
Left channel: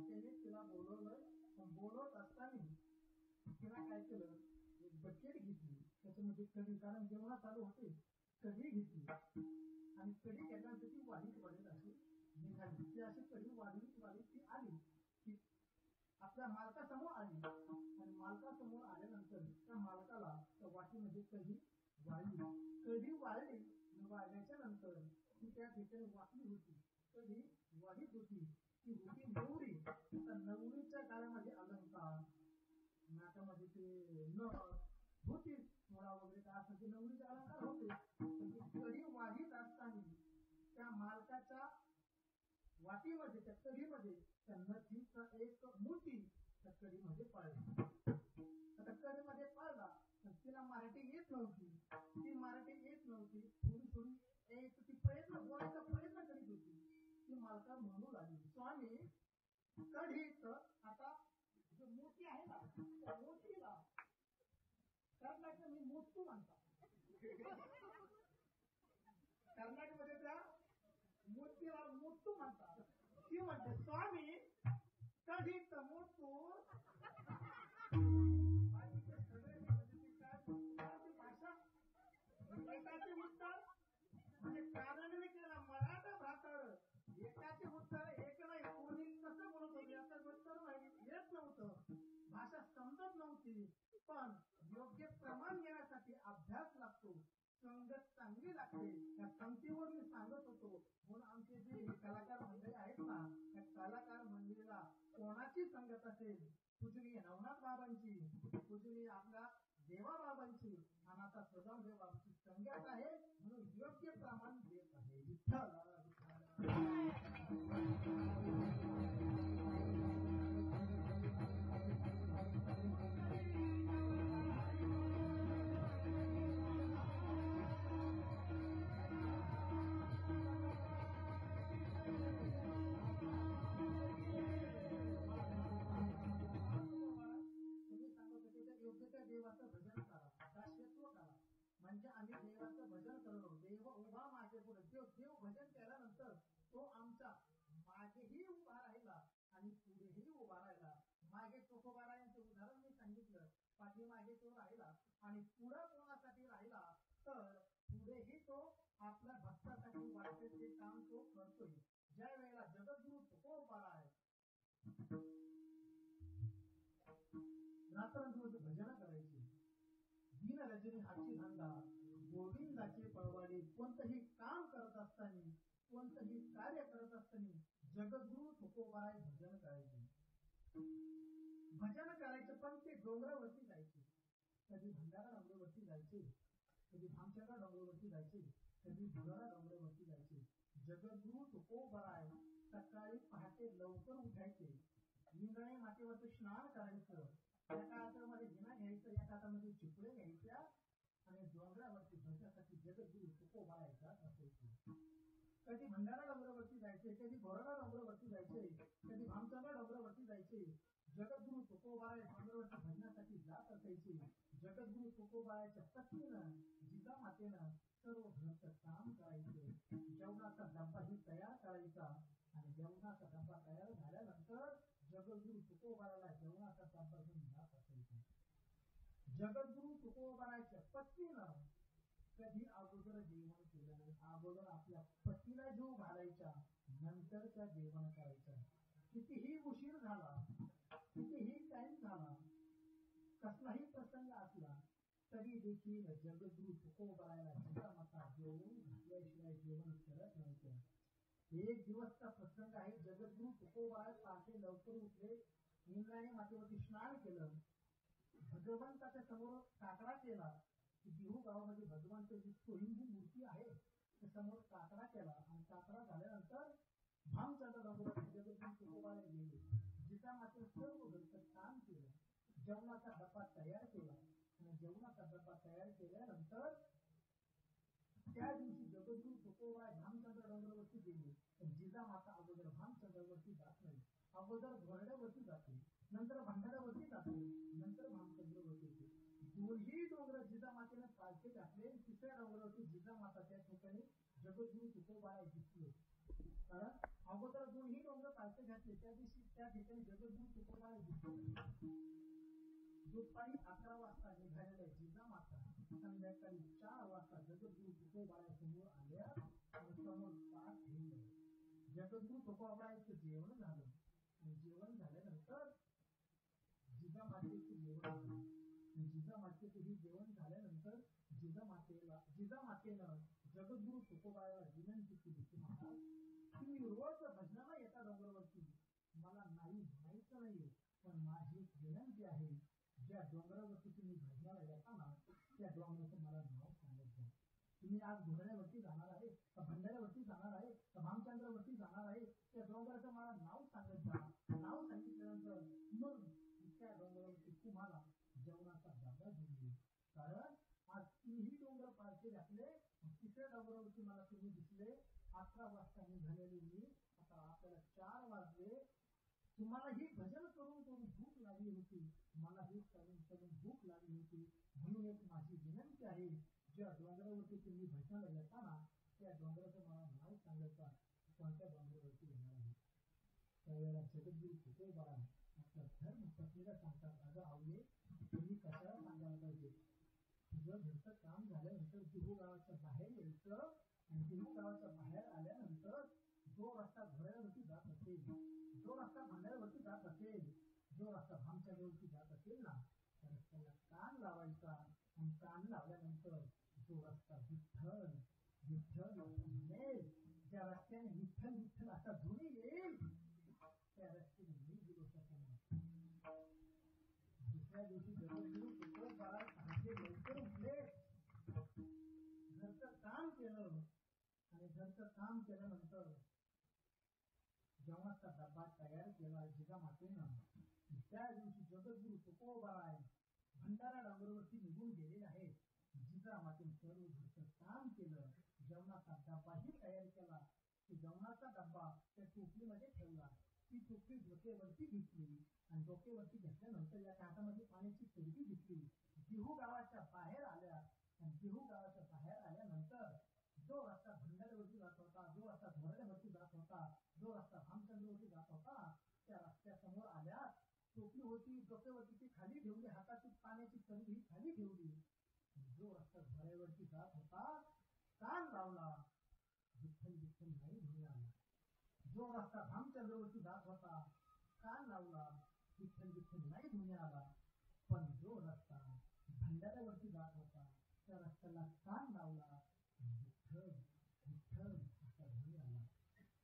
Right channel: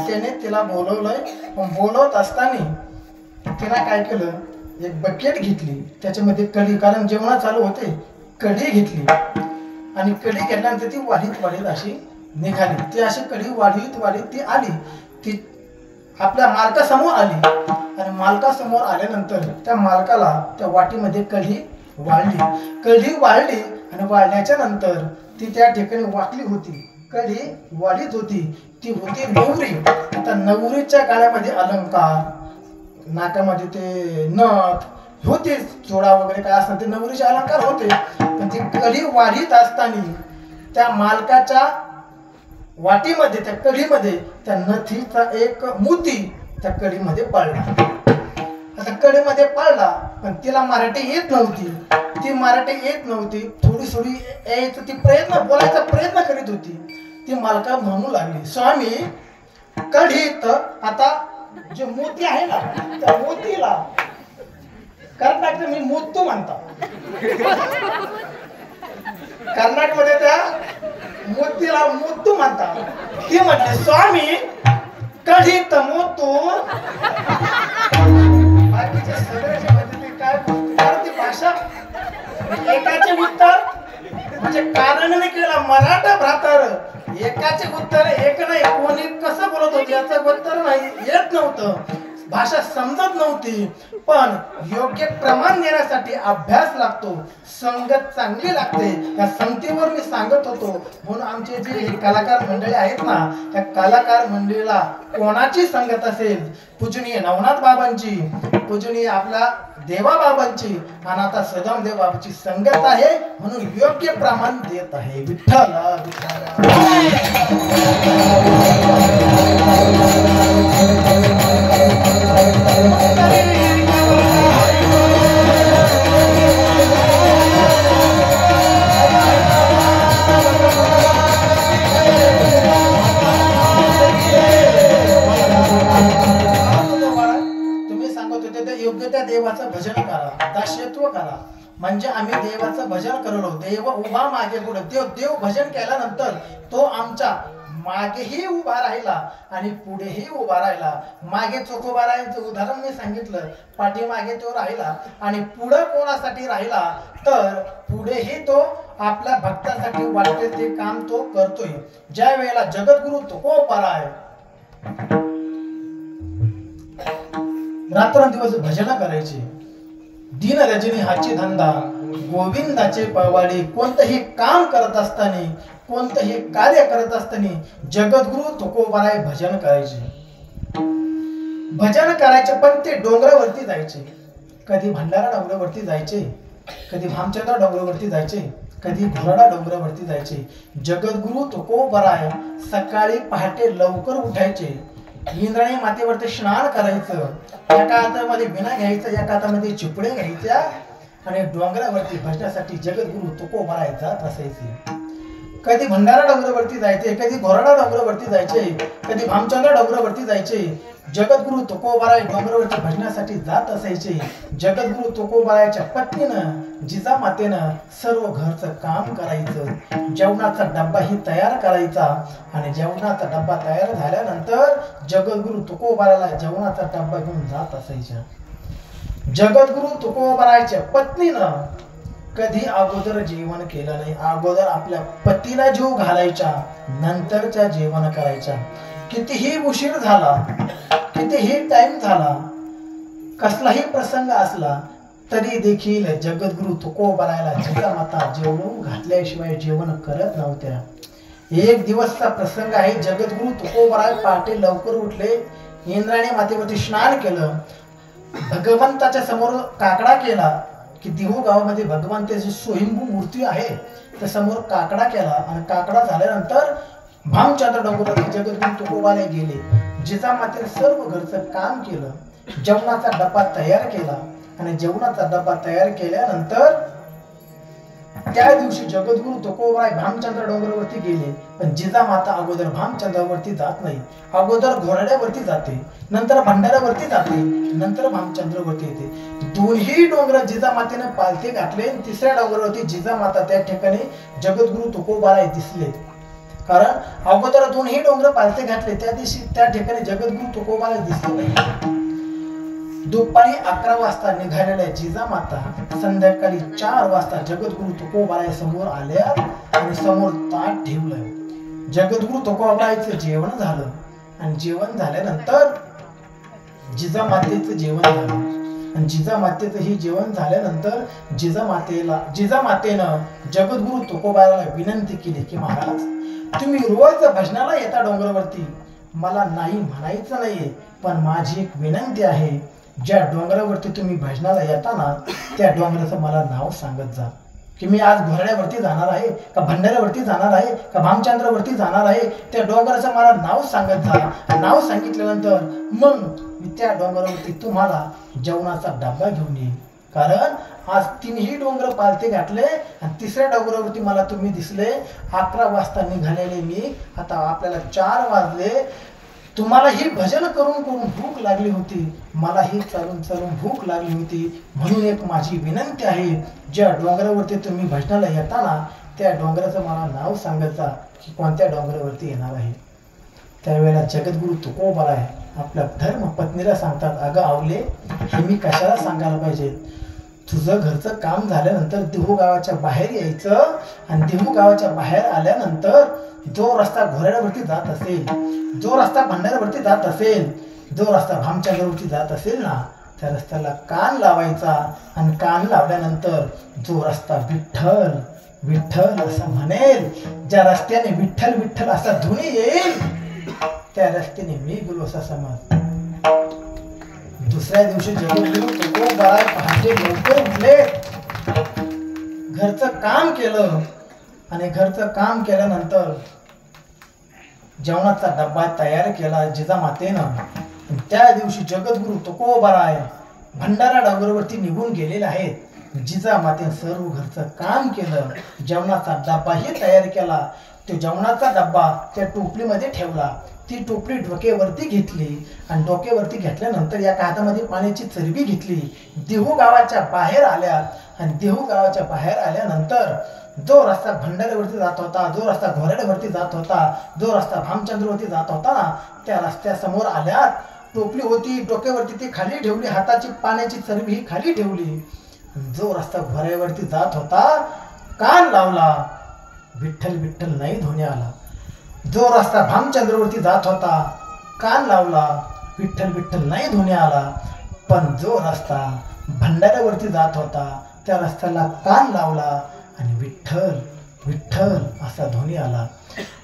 त्याने तिला बोलवलंय. पण बोलवत असताना तिला काय केलं, एक बकेट घेतली, त्याच्यामध्ये कढी, कारण जेवण चालू होते, कढी घेतली आणि कढी घेतल्यानंतर ती वाढीत अशी निघाली. ती अशी कढी वाढीत ती आली, ती आपल्या मालकासमोर आली आणि मालकासमोर आल्यानंतर त्या मालकाला त्या वाटीमध्ये कढी वाढली आणि वाढल्याच्या नंतर ती त्या ठिकाणी वाटली होती, कढी वाढीत होती, ती होती नवरी. आता नवरीच्या गाळ्यामध्ये अलंकार, नाकामध्ये ते नथ होते, चोळा वगैरे काय असतात ते नवरीचे अलंकार होते. पण ती कढी वाढीत असताना त्या मालकाच्या वाटीमध्ये, त्या कढीमध्ये त्या नथीचा एक मोती त्या कढीमध्ये पडला. आता कडेमध्ये पाळला, पण तिला मराठी येत नव्हती. ती मराठी येत नव्हती, थोडी थोडी यायचं ती बोलायचा प्रयत्न करीत होती. ती मालका म्हणू लागली, स्वामी कढीत आता जे मोती आहे ना, त्या मोतीला कर्नाटक मी मोतू म्हणता. कर्नाटकमध्ये त्या मोतीला मोतू म्हणता. ती म्हटली, स्वामी कढीत मोतू. बाकीचे सगळे जे म्हणते ते काय ती भाषा एकाचे उत्तर म्हणजे कारणने केला मराठा भ्रातर. एकाचे उत्तर एक नाही, कोणी कसं बोलत होते याचं उत्तर नाही येत नव्हतं, भाषा समजत नव्हती. पण योग्य प्रमाण देण्यासाठी अभ्यास लागतो, संगत चांगली लागते. या संगतीवर मी सांगत होतो. म्हणून आमचे जे कलाकार मंडळी आहेत ना, त्या कलाकार मंडळीला कोणाची संगत असेल, पूजनीय नवनाथ बाबांची, पूजनीय आपला देवा बाबांची आणि आता सदाम देव बाबांची संगत आहे, म्हणून योग्य प्रमाण देत आहे. विठ्ठल योग्य त्या देवाचं भजन करा, दास्यत्व करा. म्हणजे आम्ही देवाचं भजन करलो, देव उभा मागे पुढे. देव भजन केल्यानंतर तो आमच्या मागेही उभा राहिला आणि पुढेही उभा राहिला. मागे चोख उभा राहायचं उदाहरण मी सांगितलं, पाठीमागे तो राहिला आणि पुढे कोणासाठी राहिला तर पुढेही तो आपल्या भक्तासाठी वाटते ते काम तो करतोय. ज्या वेळेला जगद्गुरु तुकोबाराय रात्रंदिवस भजन करायचे, दिन रजनी हाची धंदा, गोविंदाचे पवाडे. कोणतंही काम करत असताना, कोणतंही कार्य करत असताना जगद्गुरु तुकोबाराय भजन करायचे. भजन करायचे, पण ते डोंगरावरती जायचे. कधी भंडारा डोंगरावरती जायचे, कधी भामचंद्र डोंगरावरती जायचे, कधी घोरडा डोंगरावरती जायचे. जगद्गुरु तुकोबाराय सकाळी पहाटे लवकर उठायचे, इंद्राणी मातेवरती स्नान करायचं, एका हातामध्ये विणा घ्यायचा, एका हातामध्ये चिपडे घ्यायच्या आणि डोंगरावरती भजनासाठी जगद्गुरु तुकोबाराय जात असायचे. कधी भंडारा डोंगरावरती जायचे, कधी घोरडा डोंगरावरती जायचे, कधी भामचंद्र डोंगरावरती जायचे. जगद्गुरु तुकोबाराय डोंगरावरती भजनासाठी जात असायचे. जगद्गुरु तुकोबारायच्या पत्नीनं जिजामातेनं सर्व घरचं काम करायचं, जेवणाचा डब्बा ही तयार करायचा आणि जेवणाचा डब्बा तयार झाल्यानंतर जगद्गुरु तुकोबारायला जेवणाचा डब्बा घेऊन जात असायच्या. जगद्गुरु तुकोबारायच्या पत्नीनं कधी अगोदर जेवण केलं नाही, अगोदर आपल्या पतीला जीव घालायच्या, नंतरच्या जेवण करायच्या. कितीही उशीर झाला, कितीही टाइम झाला, कसलाही प्रसंग असला तरी देखील जगद्गुरु तुकोबारायला जिजामाता जेवण घातल्याशिवाय जेवण करत नव्हत्या. एक दिवसचा प्रसंग आहे. जगद्गुरु तुकोबाराय पहाटे लवकर उठले, इंद्राणी मातेवरती स्नान केलं, भगवंताच्या समोर काकडा केला की देहू गावामध्ये भगवंताची स्वयंभू मूर्ती आहे, त्या समोर काकडा केला आणि काकडा झाल्यानंतर भामचंद्र डोंगरावरती जगद्गुरु तुकोबाराय गेले. जिजामातेने सर्व घरचं काम केलं, जेवणाचा डब्बा तयार केला आणि जेवणाचा डब्बा तयार केल्यानंतर त्या दिवशी जगद्गुरु तुकोबाराय भामचंद्र डोंगरावरती गेले. पण जिजामाता अगोदर भामचंद्रावरती जात नाही, अगोदर घोरड्यावरती जाते, नंतर भंडाऱ्यावरती जाते, नंतर भामचंद्रावरती येते. दोन्ही डोंगर जिजामातेने पालथे घातले. तिसऱ्या डोंगरावरती जिजामाता त्या ठिकाणी जगद्गुरु तुकोबाराय दिसले. कारण अगोदर दोन्ही डोंगर पालथे घातले, त्या दिवशी त्या ठिकाणी जगद्गुरु तुकोबाराय दिसले नाही. दुपारी 11 वाजता निघालेल्या जिजामाता संध्याकाळी 4 वाजता जगद्गुरु तुकोबाराय समोर आल्या आणि समोर ताट ठेवलं. जगद्गुरु तुकोबारायचं जेवण झालं आणि जेवण झाल्यानंतर जिजामातेचं जेवण झालं आणि जिजामातेचं ही जेवण झाल्यानंतर जिजामातेनं जगद्गुरु तुकोबारायला विनंती केली की महाराज, तुम्ही रोज भजनाला येता डोंगरावरती, मला नाही म्हणायचं नाहीये, पण माझी एक विनंती आहे, ज्या डोंगरावरती तुम्ही भजनाला येता ना त्या डोंगराचं मला नाव सांगत जा. की मी आज घोरड्यावरती जाणार आहे का भंडाऱ्यावरती जाणार आहे का भामचंद्रावरती जाणार आहे, त्या डोंगराचं मला नाव सांगत जा. नाव सांगितल्यानंतर मग मी त्या डोंगरावरती तुम्हाला जेवणाचा डबा घेऊन येईन. कारण आज 3ही डोंगर पालथे घातले आणि 3ऱ्या डोंगरावरती मला तुम्ही दिसले. 11 वाजता निघालेले मी, आता आपल्याला 4 वाजले. तुम्हाला ही भजन करून करून भूक लागली होती, मला ही चालून चालून भूक लागली होती. म्हणून एक माझी विनंती आहे, ज्या डोंगरावरती तुम्ही भजनाला येताना त्या डोंगराचं मला नाव सांगत जा की कोणत्या डोंगरावरती येणार आहे. त्यावेळेला जगद्गुरु तुकोबा आहे आपल्या धर्मपत्नीला सांगतात, अगं आवले, हे मी कशाला सांगायला पाहिजे. तुझं घरचं काम झाल्यानंतर देहू गावाच्या बाहेर यायचं आणि देहू गावाच्या बाहेर आल्यानंतर जो रस्ता घोरड्यावरती जात असेल, जो रस्ता भंडाऱ्यावरती जात असेल, जो रस्ता भामचंद्रावरती जात असेल ना, त्या रस्त्याला कान लावायचा आणि कान लावल्यानंतर जो रस्ता विठ्ठल विठ्ठल असं म्हणेल, ज्या रस्त्याने विठ्ठल विठ्ठल असा ध्वनी येईल, त्या रस्त्याने मी गेलो असा समज. दुसऱ्या दिवशी जगद्गुरु तुकोबा पहाटे लवकर उठले, घरचं काम केलं आणि घरचं काम केल्यानंतर जेवणाचा डब्बा तयार केला जिजामातेनं. त्या दिवशी जगद्गुरु तुकोबाराय भंडारा डोंगरावरती निघून गेलेले आहेत. जिजामातेनं सर्व घरचं काम केलं, जेवणाचा डब्बाही तयार केला. तो जेवणाचा डब्बा त्या टोपलीमध्ये ठेवला. ती टोपली डोक्यावरती घेतली आणि डोक्यावरती घेतल्यानंतर एका हातामध्ये पाण्याची चरबी घेतली. देहू गावाच्या बाहेर आल्या आणि देहू गावाच्या बाहेर आल्यानंतर जो रस्ता भंडाऱ्यावरती जात होता, जो रस्ता घोरड्यावरती जात होता, जो रस्ता भामचंद्रवरती जात होता ना, त्या रस्त्यासमोर आल्यात. टोपली होती डोक्यावरती, ती खाली ठेवली, हाताची पाण्याची चरबी ही खाली ठेवली. जो रस्ता घोड्यावरती जात होता, कान लावला, विठ्ठल विठ्ठल नाही ध्वनी आला. जो रस्ता भामचंद्रवरती जात होता, कान लावला, विठ्ठल विठ्ठल नाही ध्वनी आला. पण जो रस्ता भंडाऱ्यावरती जात होता, त्या रस्त्याला कान लावला आणि विठ्ठल विठ्ठल असा ध्वनी आला.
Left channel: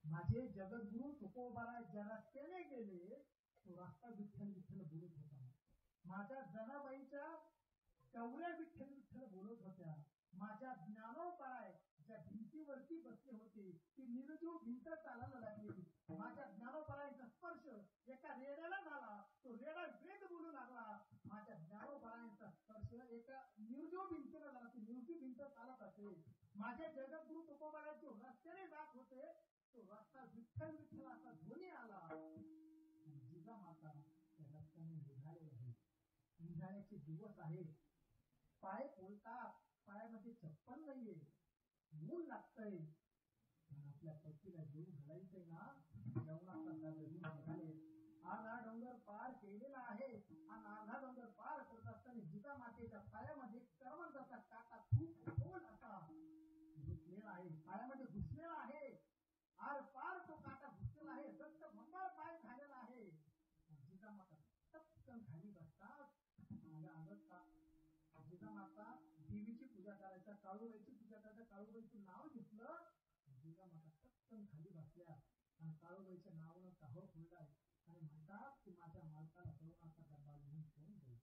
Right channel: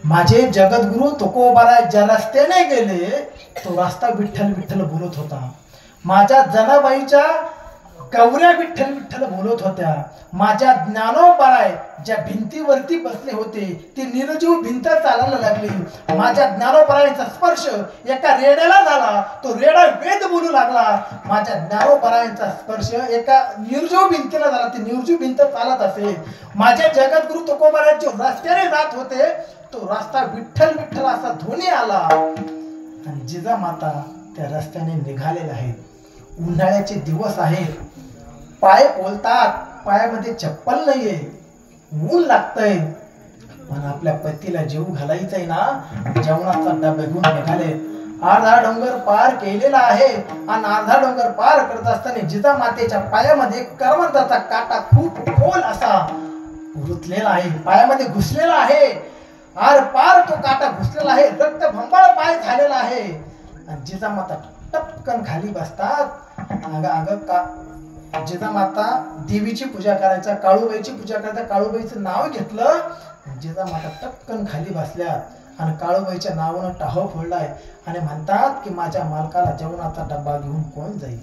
माझे जगद्गुरु तुकोबाराय ज्या रस्त्याने गेले, तो रस्ता विठ्ठल विठ्ठल बोलत होता. माझ्या जनाबाईच्या गौऱ्या विठ्ठल विठ्ठल बोलत होत्या. माझ्या ज्ञानोबाराय ज्या भिंतीवरती बसले होते, ती निर्जीव भिंत चालायला लागली. माझ्या ज्ञानोबारायांचा स्पर्श एका रेड्याला झाला, तो रेडा वेद बोलू लागला. माझ्या ज्ञानोबारायांचा स्पर्श एका निर्जीव भिंतीला झाला, ती निर्जीव भिंत चालत असे. माझ्या जगद्गुरु तुकोबाराय जो रस्त्याने जात होते, तो रस्ता विठ्ठल विठ्ठल असा ध्वनी आला. आणि जिजामाता त्या रस्त्याने निघालेल्या आहेत. उन्हाळ्याचे दिवस आहेत, पाय बोलतात, पायामध्ये चप्पल नाहीये, ऊन लागतंय. पण आपल्या पतीला जीव घालायचंय ना, जेवणाचा डबा घेऊन निघाले. अर्धा डोंगर पार केलेला आहे आणि अर्धा डोंगर पार करत असताना जिजामातेच्या पायामध्ये करवंदाचा काटा खूप खोल असा रुतलेला आहे, पायामध्ये घुसलेला आहे. आर पार तो काटा घुसलेला आहे, रक्त भंबाळ पाय झालेला आहे. आणि जिजामाता टपकन खाली बसतात. जिजामाता देवीची पूजा करायचा, काळूबाईची पूजा करायचा, काळूबाईचं नाव घेतलं. जिजामाता टपकन खाली बसल्यात आणि काळूबाईच्या नावानं टाहो फोडलाय आणि म्हणतात की माझ्या मालकाला जेवणाचा डब्बा घेऊन कोण जाईल.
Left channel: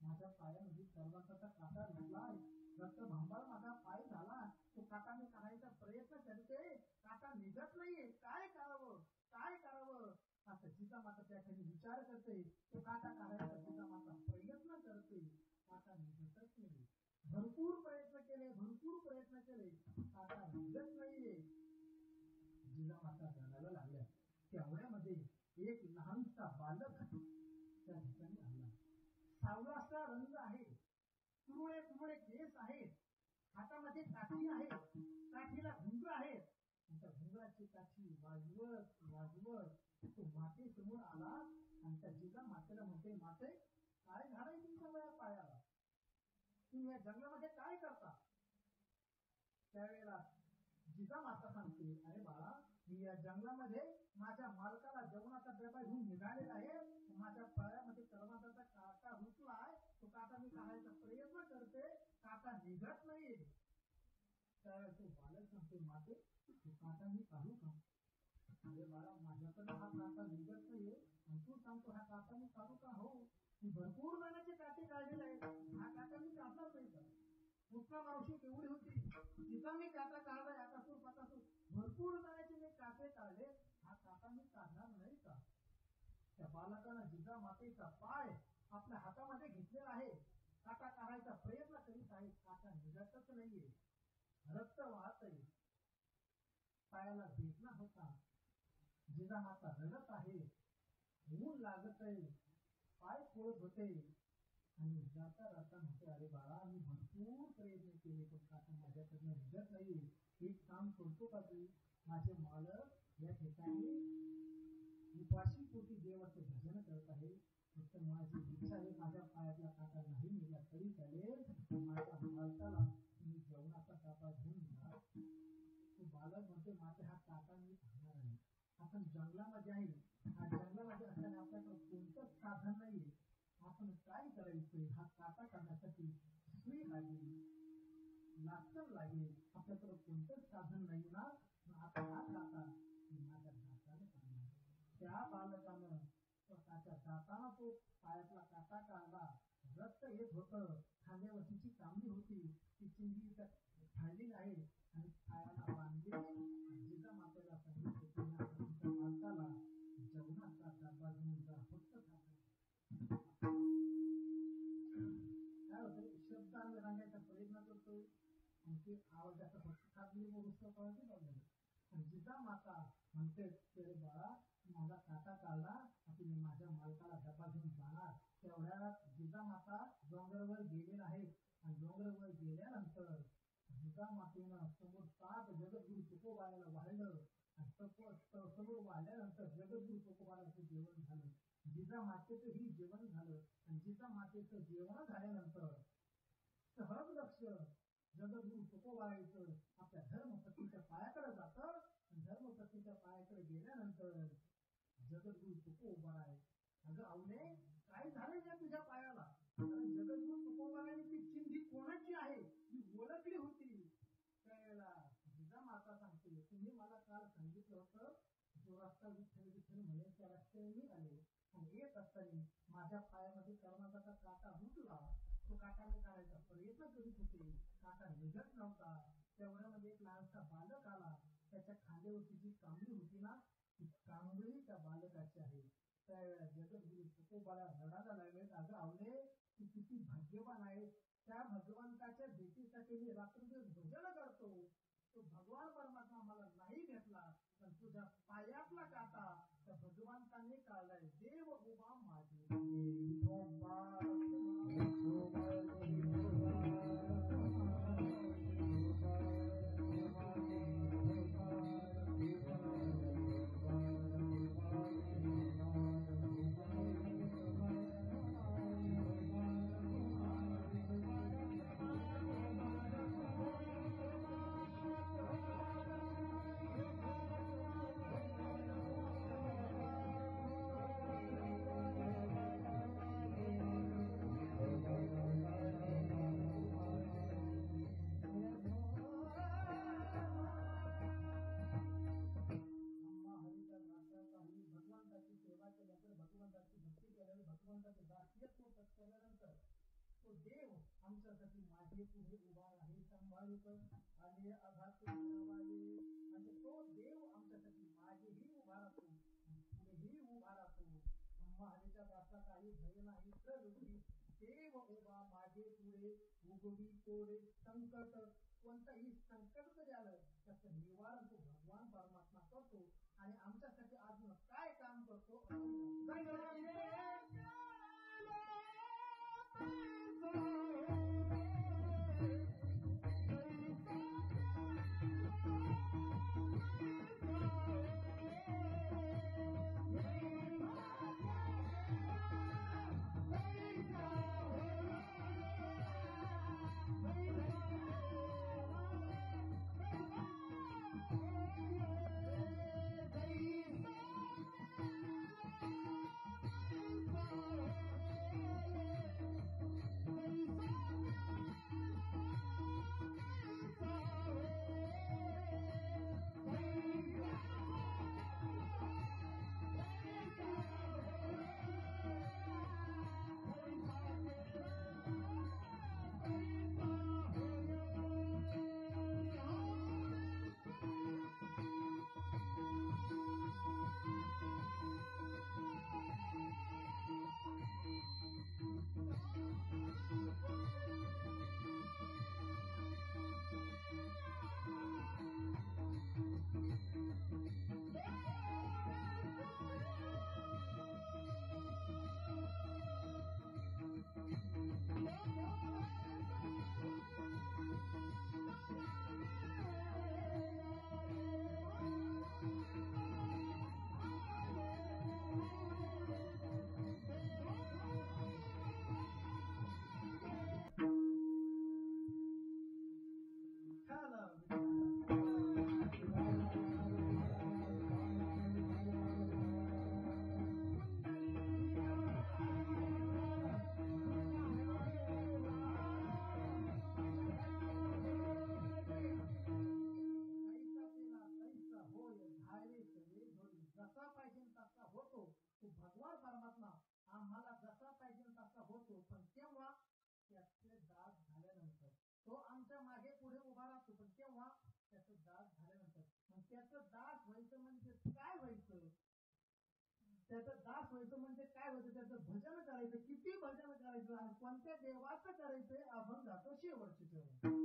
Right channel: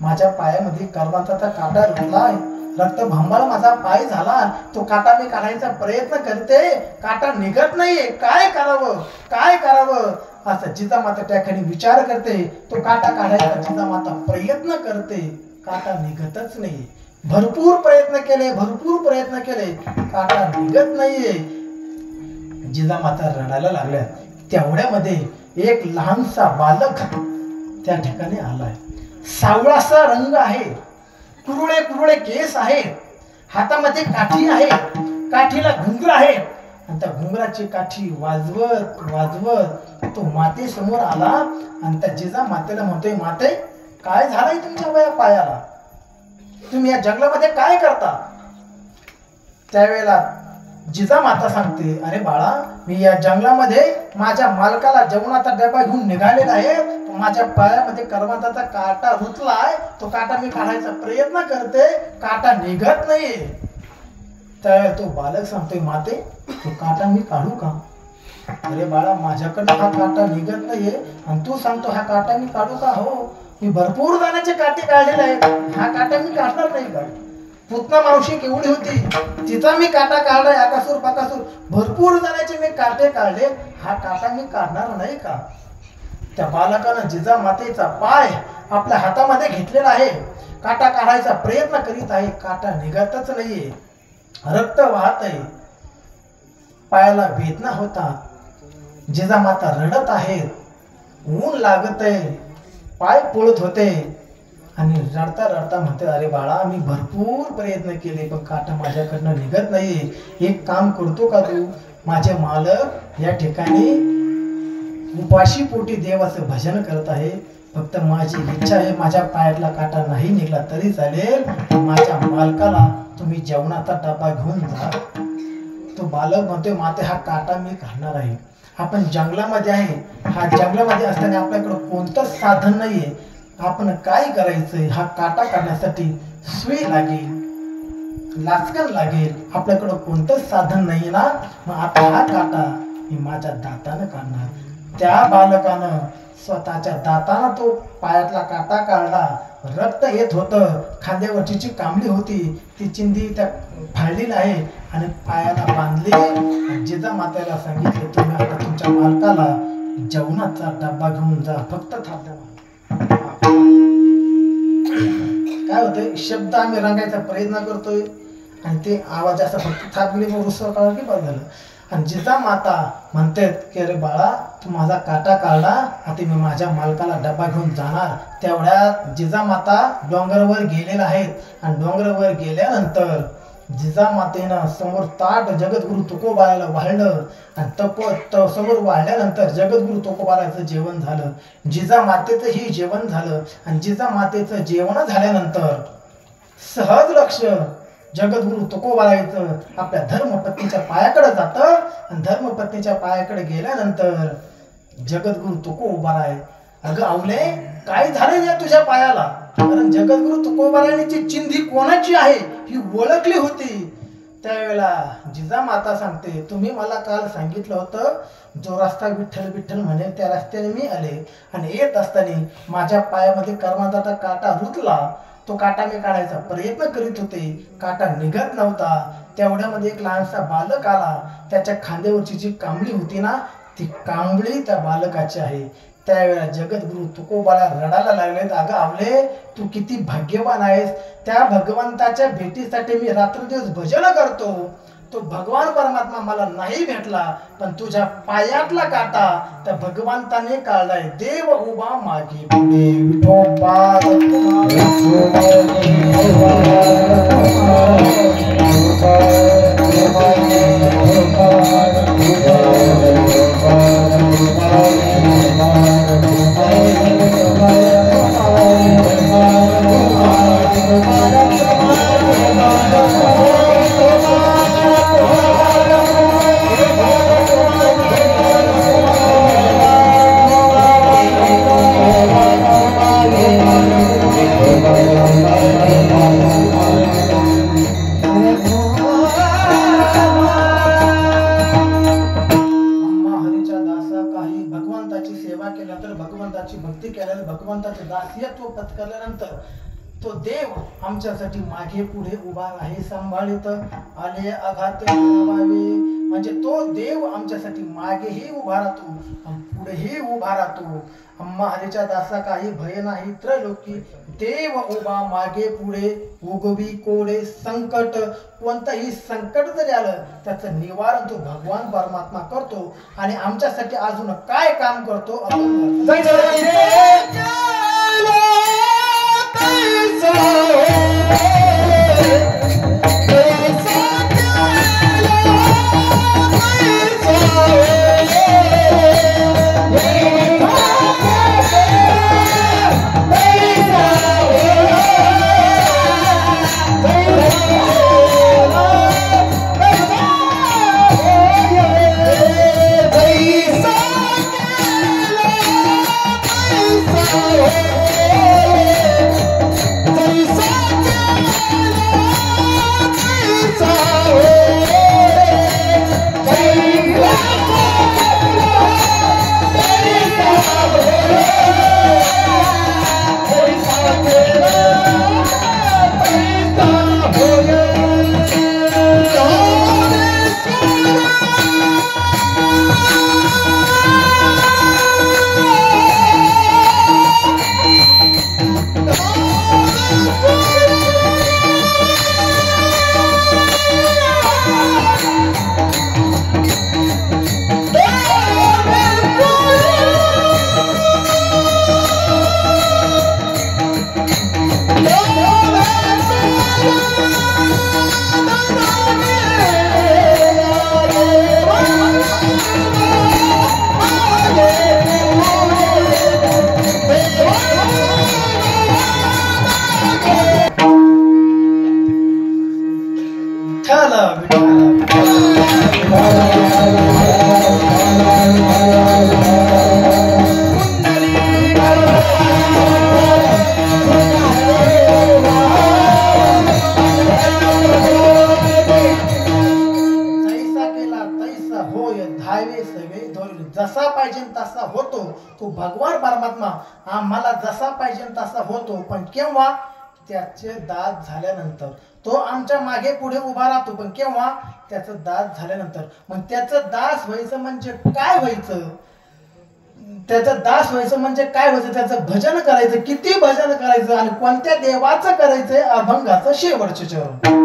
माझ्या पायामध्ये करवंदाचा काटा रुतलाय, रक्त भंबाळ माझा पाय झाला, तो काटा मी काढायचा प्रयत्न करते, काटा निघत नाहीये, काय करावं काय करावं असं जिजामाता त्या ठिकाणी विचार करते. तो काटा काढायचा जिजामाता प्रयत्न करते, काटा निघतच नाही. भरपूर प्रयत्न केले, काटा निघत नाहीये. जिजामाता रडायला लागल्या. तेवढ्यामध्ये एक लहानसा बालक त्या ठिकाणी आलाय. सावळासा रंग आहे, कुरुळे कुरुळे केस आहेत, हातामध्ये काठी आहे, काठीला घुंगर आहे आणि त्या घुंगराची काठी वाजवत वाजवत तो माते समोर आला आणि त्या जिजामातेला म्हणतोय, माते काय झालंय तुमच्या पायाला, तुम्ही या जंगलामध्ये काय करता. त्यावेळेला जिजामाता सांगते, अरे बाळा, मी या जंगलामध्ये माझ्या मालकाला जेवणाचा डबा घेऊन निघालेला आहे, माझ्या पायामध्ये करवंदाचा काटा रुतलाय, तो काटा मी काढायचा प्रयत्न करते, काटा निघत नाहीये. त्यावेळेला तो बालक सांगतोय, माते तो काटा मी काढू का. अरे बाळा, माझ्याकडे हा काटा निघत नाहीये आणि तू सांगतो हा काटा मी काढू का. हो, मी भरपूर जणांचे काटे काढलेले आहेत, हा काटा मी काढणार नाही का. पुतना मावशी केवढी होती, तिचा मी काटा काढलाय. आकासूर पाकासूर भरपूर जणांचे मी काटे काढले, हा काटा मी काढणार नाही का? त्या बालकानं जिजा मातेचा पाय आपल्या हातामध्ये घेतलेला आहे, काटा काढायचा प्रयत्न करीत आहे, काटा निघतच नाहीये, रक्त वाहत आहे, पायाला वेदना होता, जिजामाता रडत आहेत, ऊन लागत आहे, पाय पोळत होते आणि रडता रडता म्हणते, अरे बाळा मी भरपूर प्रयत्न केले पण काटा माझ्याकडनं निघत नाहीये. एक काम करतो का तू? माझे मालक या ठिकाणी उपाशी पोटी देवाचं भजन करत आहे, फक्त माझी इच्छा आहे माझ्या पायातला काटा नाही निघला तरी चालेल, माझ्या मालकाला तुम्ही जेवणाचा डबा घेऊन जा. तो बालक म्हणतोय, माते हा काटा मी काढणार आहे. आपण जंगलामध्ये आहे, हा जंगलामध्ये असताना आपल्याकडे कोणतंच साधन नाहीये, आपण काय करायचंय? हा काटा काढण्यासाठी सुई लागेल, लाचकन लागेल, आपल्याकडे कोणतंच साधन नाही ना, मग आता हा काटा मी माझ्या दातानं काढणार. त्या बालकानं स्वतःच्या दातानं तो पायातला काटा काढला, रक्त येत होतं, खांद्यावरची जी कांबळी होती ती चिंधी त्या फाळलेली आहे आणि पायाला बांधली. जिजामातेला सांगितले, तुम्ही आता तुमच्या मालकाला जेवणाचा डब्बा घेऊन जा, फक्त थाप द्या. काय होतंय, शब्द आम्ही रंगायचा प्रयत्न करतोय आणि ते आवाज असा फक्त थाप दिली मग रुसवा काढला की बस झालं. आणि जिजामाता म्हणतात की अरे बाळा तू माझा काटा काढला, आता मी माझ्या मालकाला डबा घेऊन जाणार. तेवढ्यात जिजामाता डोंगरावर गेलेल्या आहेत आणि डोंगरावर गेल्यानंतर जिजामातेनं समोर ताट जगद्गुरु तुकोबाराला वाढलं आणि समोर वाढल्यानंतर जगद्गुरु तुकोबाराचं जेवण झालं, जिजामातेचं ही जेवण झालं. आणि जिजामातेचं जेवण झाल्यानंतर सहज लक्ष जगद्गुरु तुकोबारायचं आपल्या धर्मपत्नीच्या पायाकडे जातं आणि धर्मपत्नीच्या पायाकडे गेल्यानंतर जगद्गुरु तुकोबाराय, अगं आवले काय झालं या तुझ्या पायाला? कारण जगद्गुरु तुकोबारायची चिंधी कोणाची आहे ही ओळखली होती. त्यावेळेला जिजामाता सांगते, तुम्ही मला काल सांगितलं होतं जो रस्ता विठ्ठल विठ्ठल म्हणेल त्या रस्त्याने मी आले आणि येत असताना माझ्या पायामध्ये कर्माचा काटा रुतला, तो काटा मी काढायचा प्रयत्न करीत होते, काटा निघत नव्हता. तेवढ्यामध्ये एक लहानसा बालक आला, त्याच्या खांद्यावरची जी कांबळी होती ना ती कांबळी त्या बालकाची आहे. त्यावेळेला जगद्गुरु तुकोबाला रडायला लागले, अगं आवले तू किती भाग्यवान आहेस, त्या भगवंताच्या भेटीसाठी मी रात्रदिवस भजन करतो, तो भगवान परमात्मा मला नाही भेटला पण तुझ्या पायातला काटा त्या भगवंताने काढलाय. देव उभा मागे पुढे विठोबा भक्ती केल्यानंतर भगवंताचे दास्यत्व पत्करल्यानंतर तो देव आमच्यासाठी मागे पुढे उभा आहे, सांभाळित आले आघात म्हणजे तो देव आमच्यासाठी मागेही उभा राहतो पुढेही उभा राहतो. अम्मा हरीच्या दासा काही भय नाही त्रैलोकी, देव उभा मागे पुढे उगवी कोडे संकट, कोणतंही संकट जरी आलं त्याचं निवारण तो भगवान परमात्मा करतो आणि आमच्यासाठी अजून काय काम करतो पाहिजे तसा होतो, तो भगवान परमात्मा आम्हाला जसा पाहिजे तसा होतो, पण केव्हा त्याचे दात झाल्यानंतर. तो आमच्या मागे पुढे उभा राहतो, पण केव्हा त्याचं दात झाल्यानंतर. मग त्याचं दास व्हायचं म्हणजे काय व्हायचं, त्याचं दास व्हायचं म्हणजे काय व्हायचं, त्याचं भजन करायचं. किती भजन करायचं आणि कोणत्या देवाचं करायचंय, अभंगाचं शेवटचे चरण.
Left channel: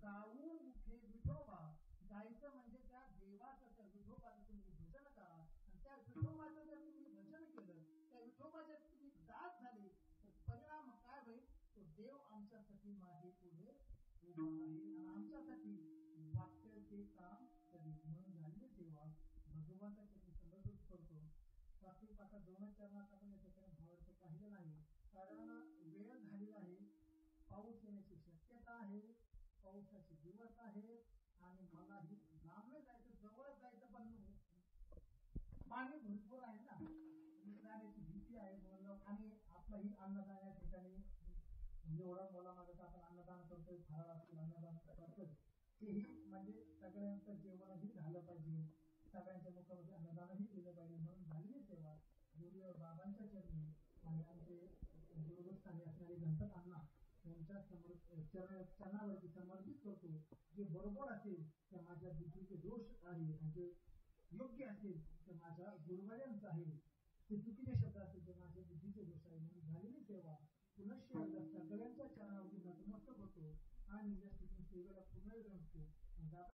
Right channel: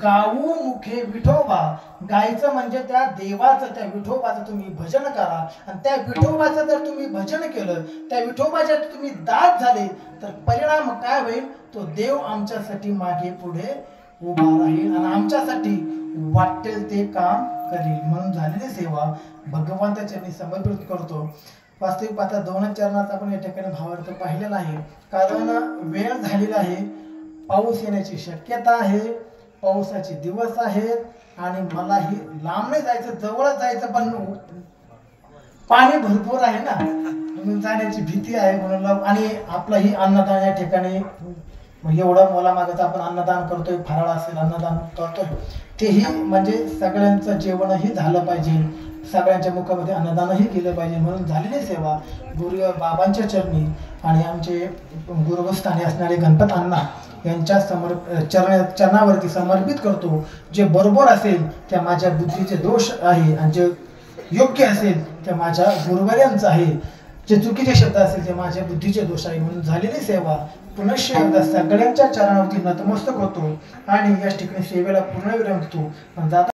गाऊ मुखे विठोबा, गायचं म्हणजे त्या देवाचं, त्या विठोबाचं तुम्ही भजन करा. आणि त्या विठोबाचं जर तुम्ही भजन केलं, त्या विठोबाच्या तुम्ही दास झाले, तर परिणाम काय होईल, तो देव आमच्यासाठी मागे पुढे उभा राहील आणि आमच्यासाठी वाटेल ते काम करेल. म्हणून झालेली सेवा भगवंताच्या मी समर्पित करतो. वास्तविक पाहता 2 चरणात आपण या ठिकाणी भावार्थ पाहिलेला आहे. कारण वेळ झालेला आहे, पाऊस येण्याची शक्यता आहे, पावसाचे दिवस आहेत आणि मलाही लांब नाही जायचं, जवळच जायचं, पण पाणी भरपूर आहे ना, म्हणून जाण्याची भीती आहे. म्हणून आणि आपलंही अन्नदान या ठिकाणी एवढं मोलामागचं आपण अन्नदान करतोय, फराळ असेल अन्नदान करतोय, तेही म्हणजे सगळ्यांचं जेवणही झालं पाहिजे, सगळ्यांच्या मुखामध्ये अन्नदानही केलं पाहिजे. म्हणून झालेली सेवा गुरु बाबांच्या चरणी आणि आमचे गुरुस्थानी असणारे गणपत अण्णा यांच्या चरणावरती समर्पित करतो. जे बरोबर असेल त्या माझ्या बुद्धीचे दोष आहे आणि जे योग्य असेल त्या माझ्या गुरुवर्यांचं आहे, जे चुकीचे शब्द असेल ते माझ्या बुद्धीचे दोष आहे. म्हणून झालेली सेवा पुनश्च एकदा सगळ्यांच्या चरणावरती नतमस्तक होतो आणि या ठिकाणी सेवेला पूर्ण विराम देतो.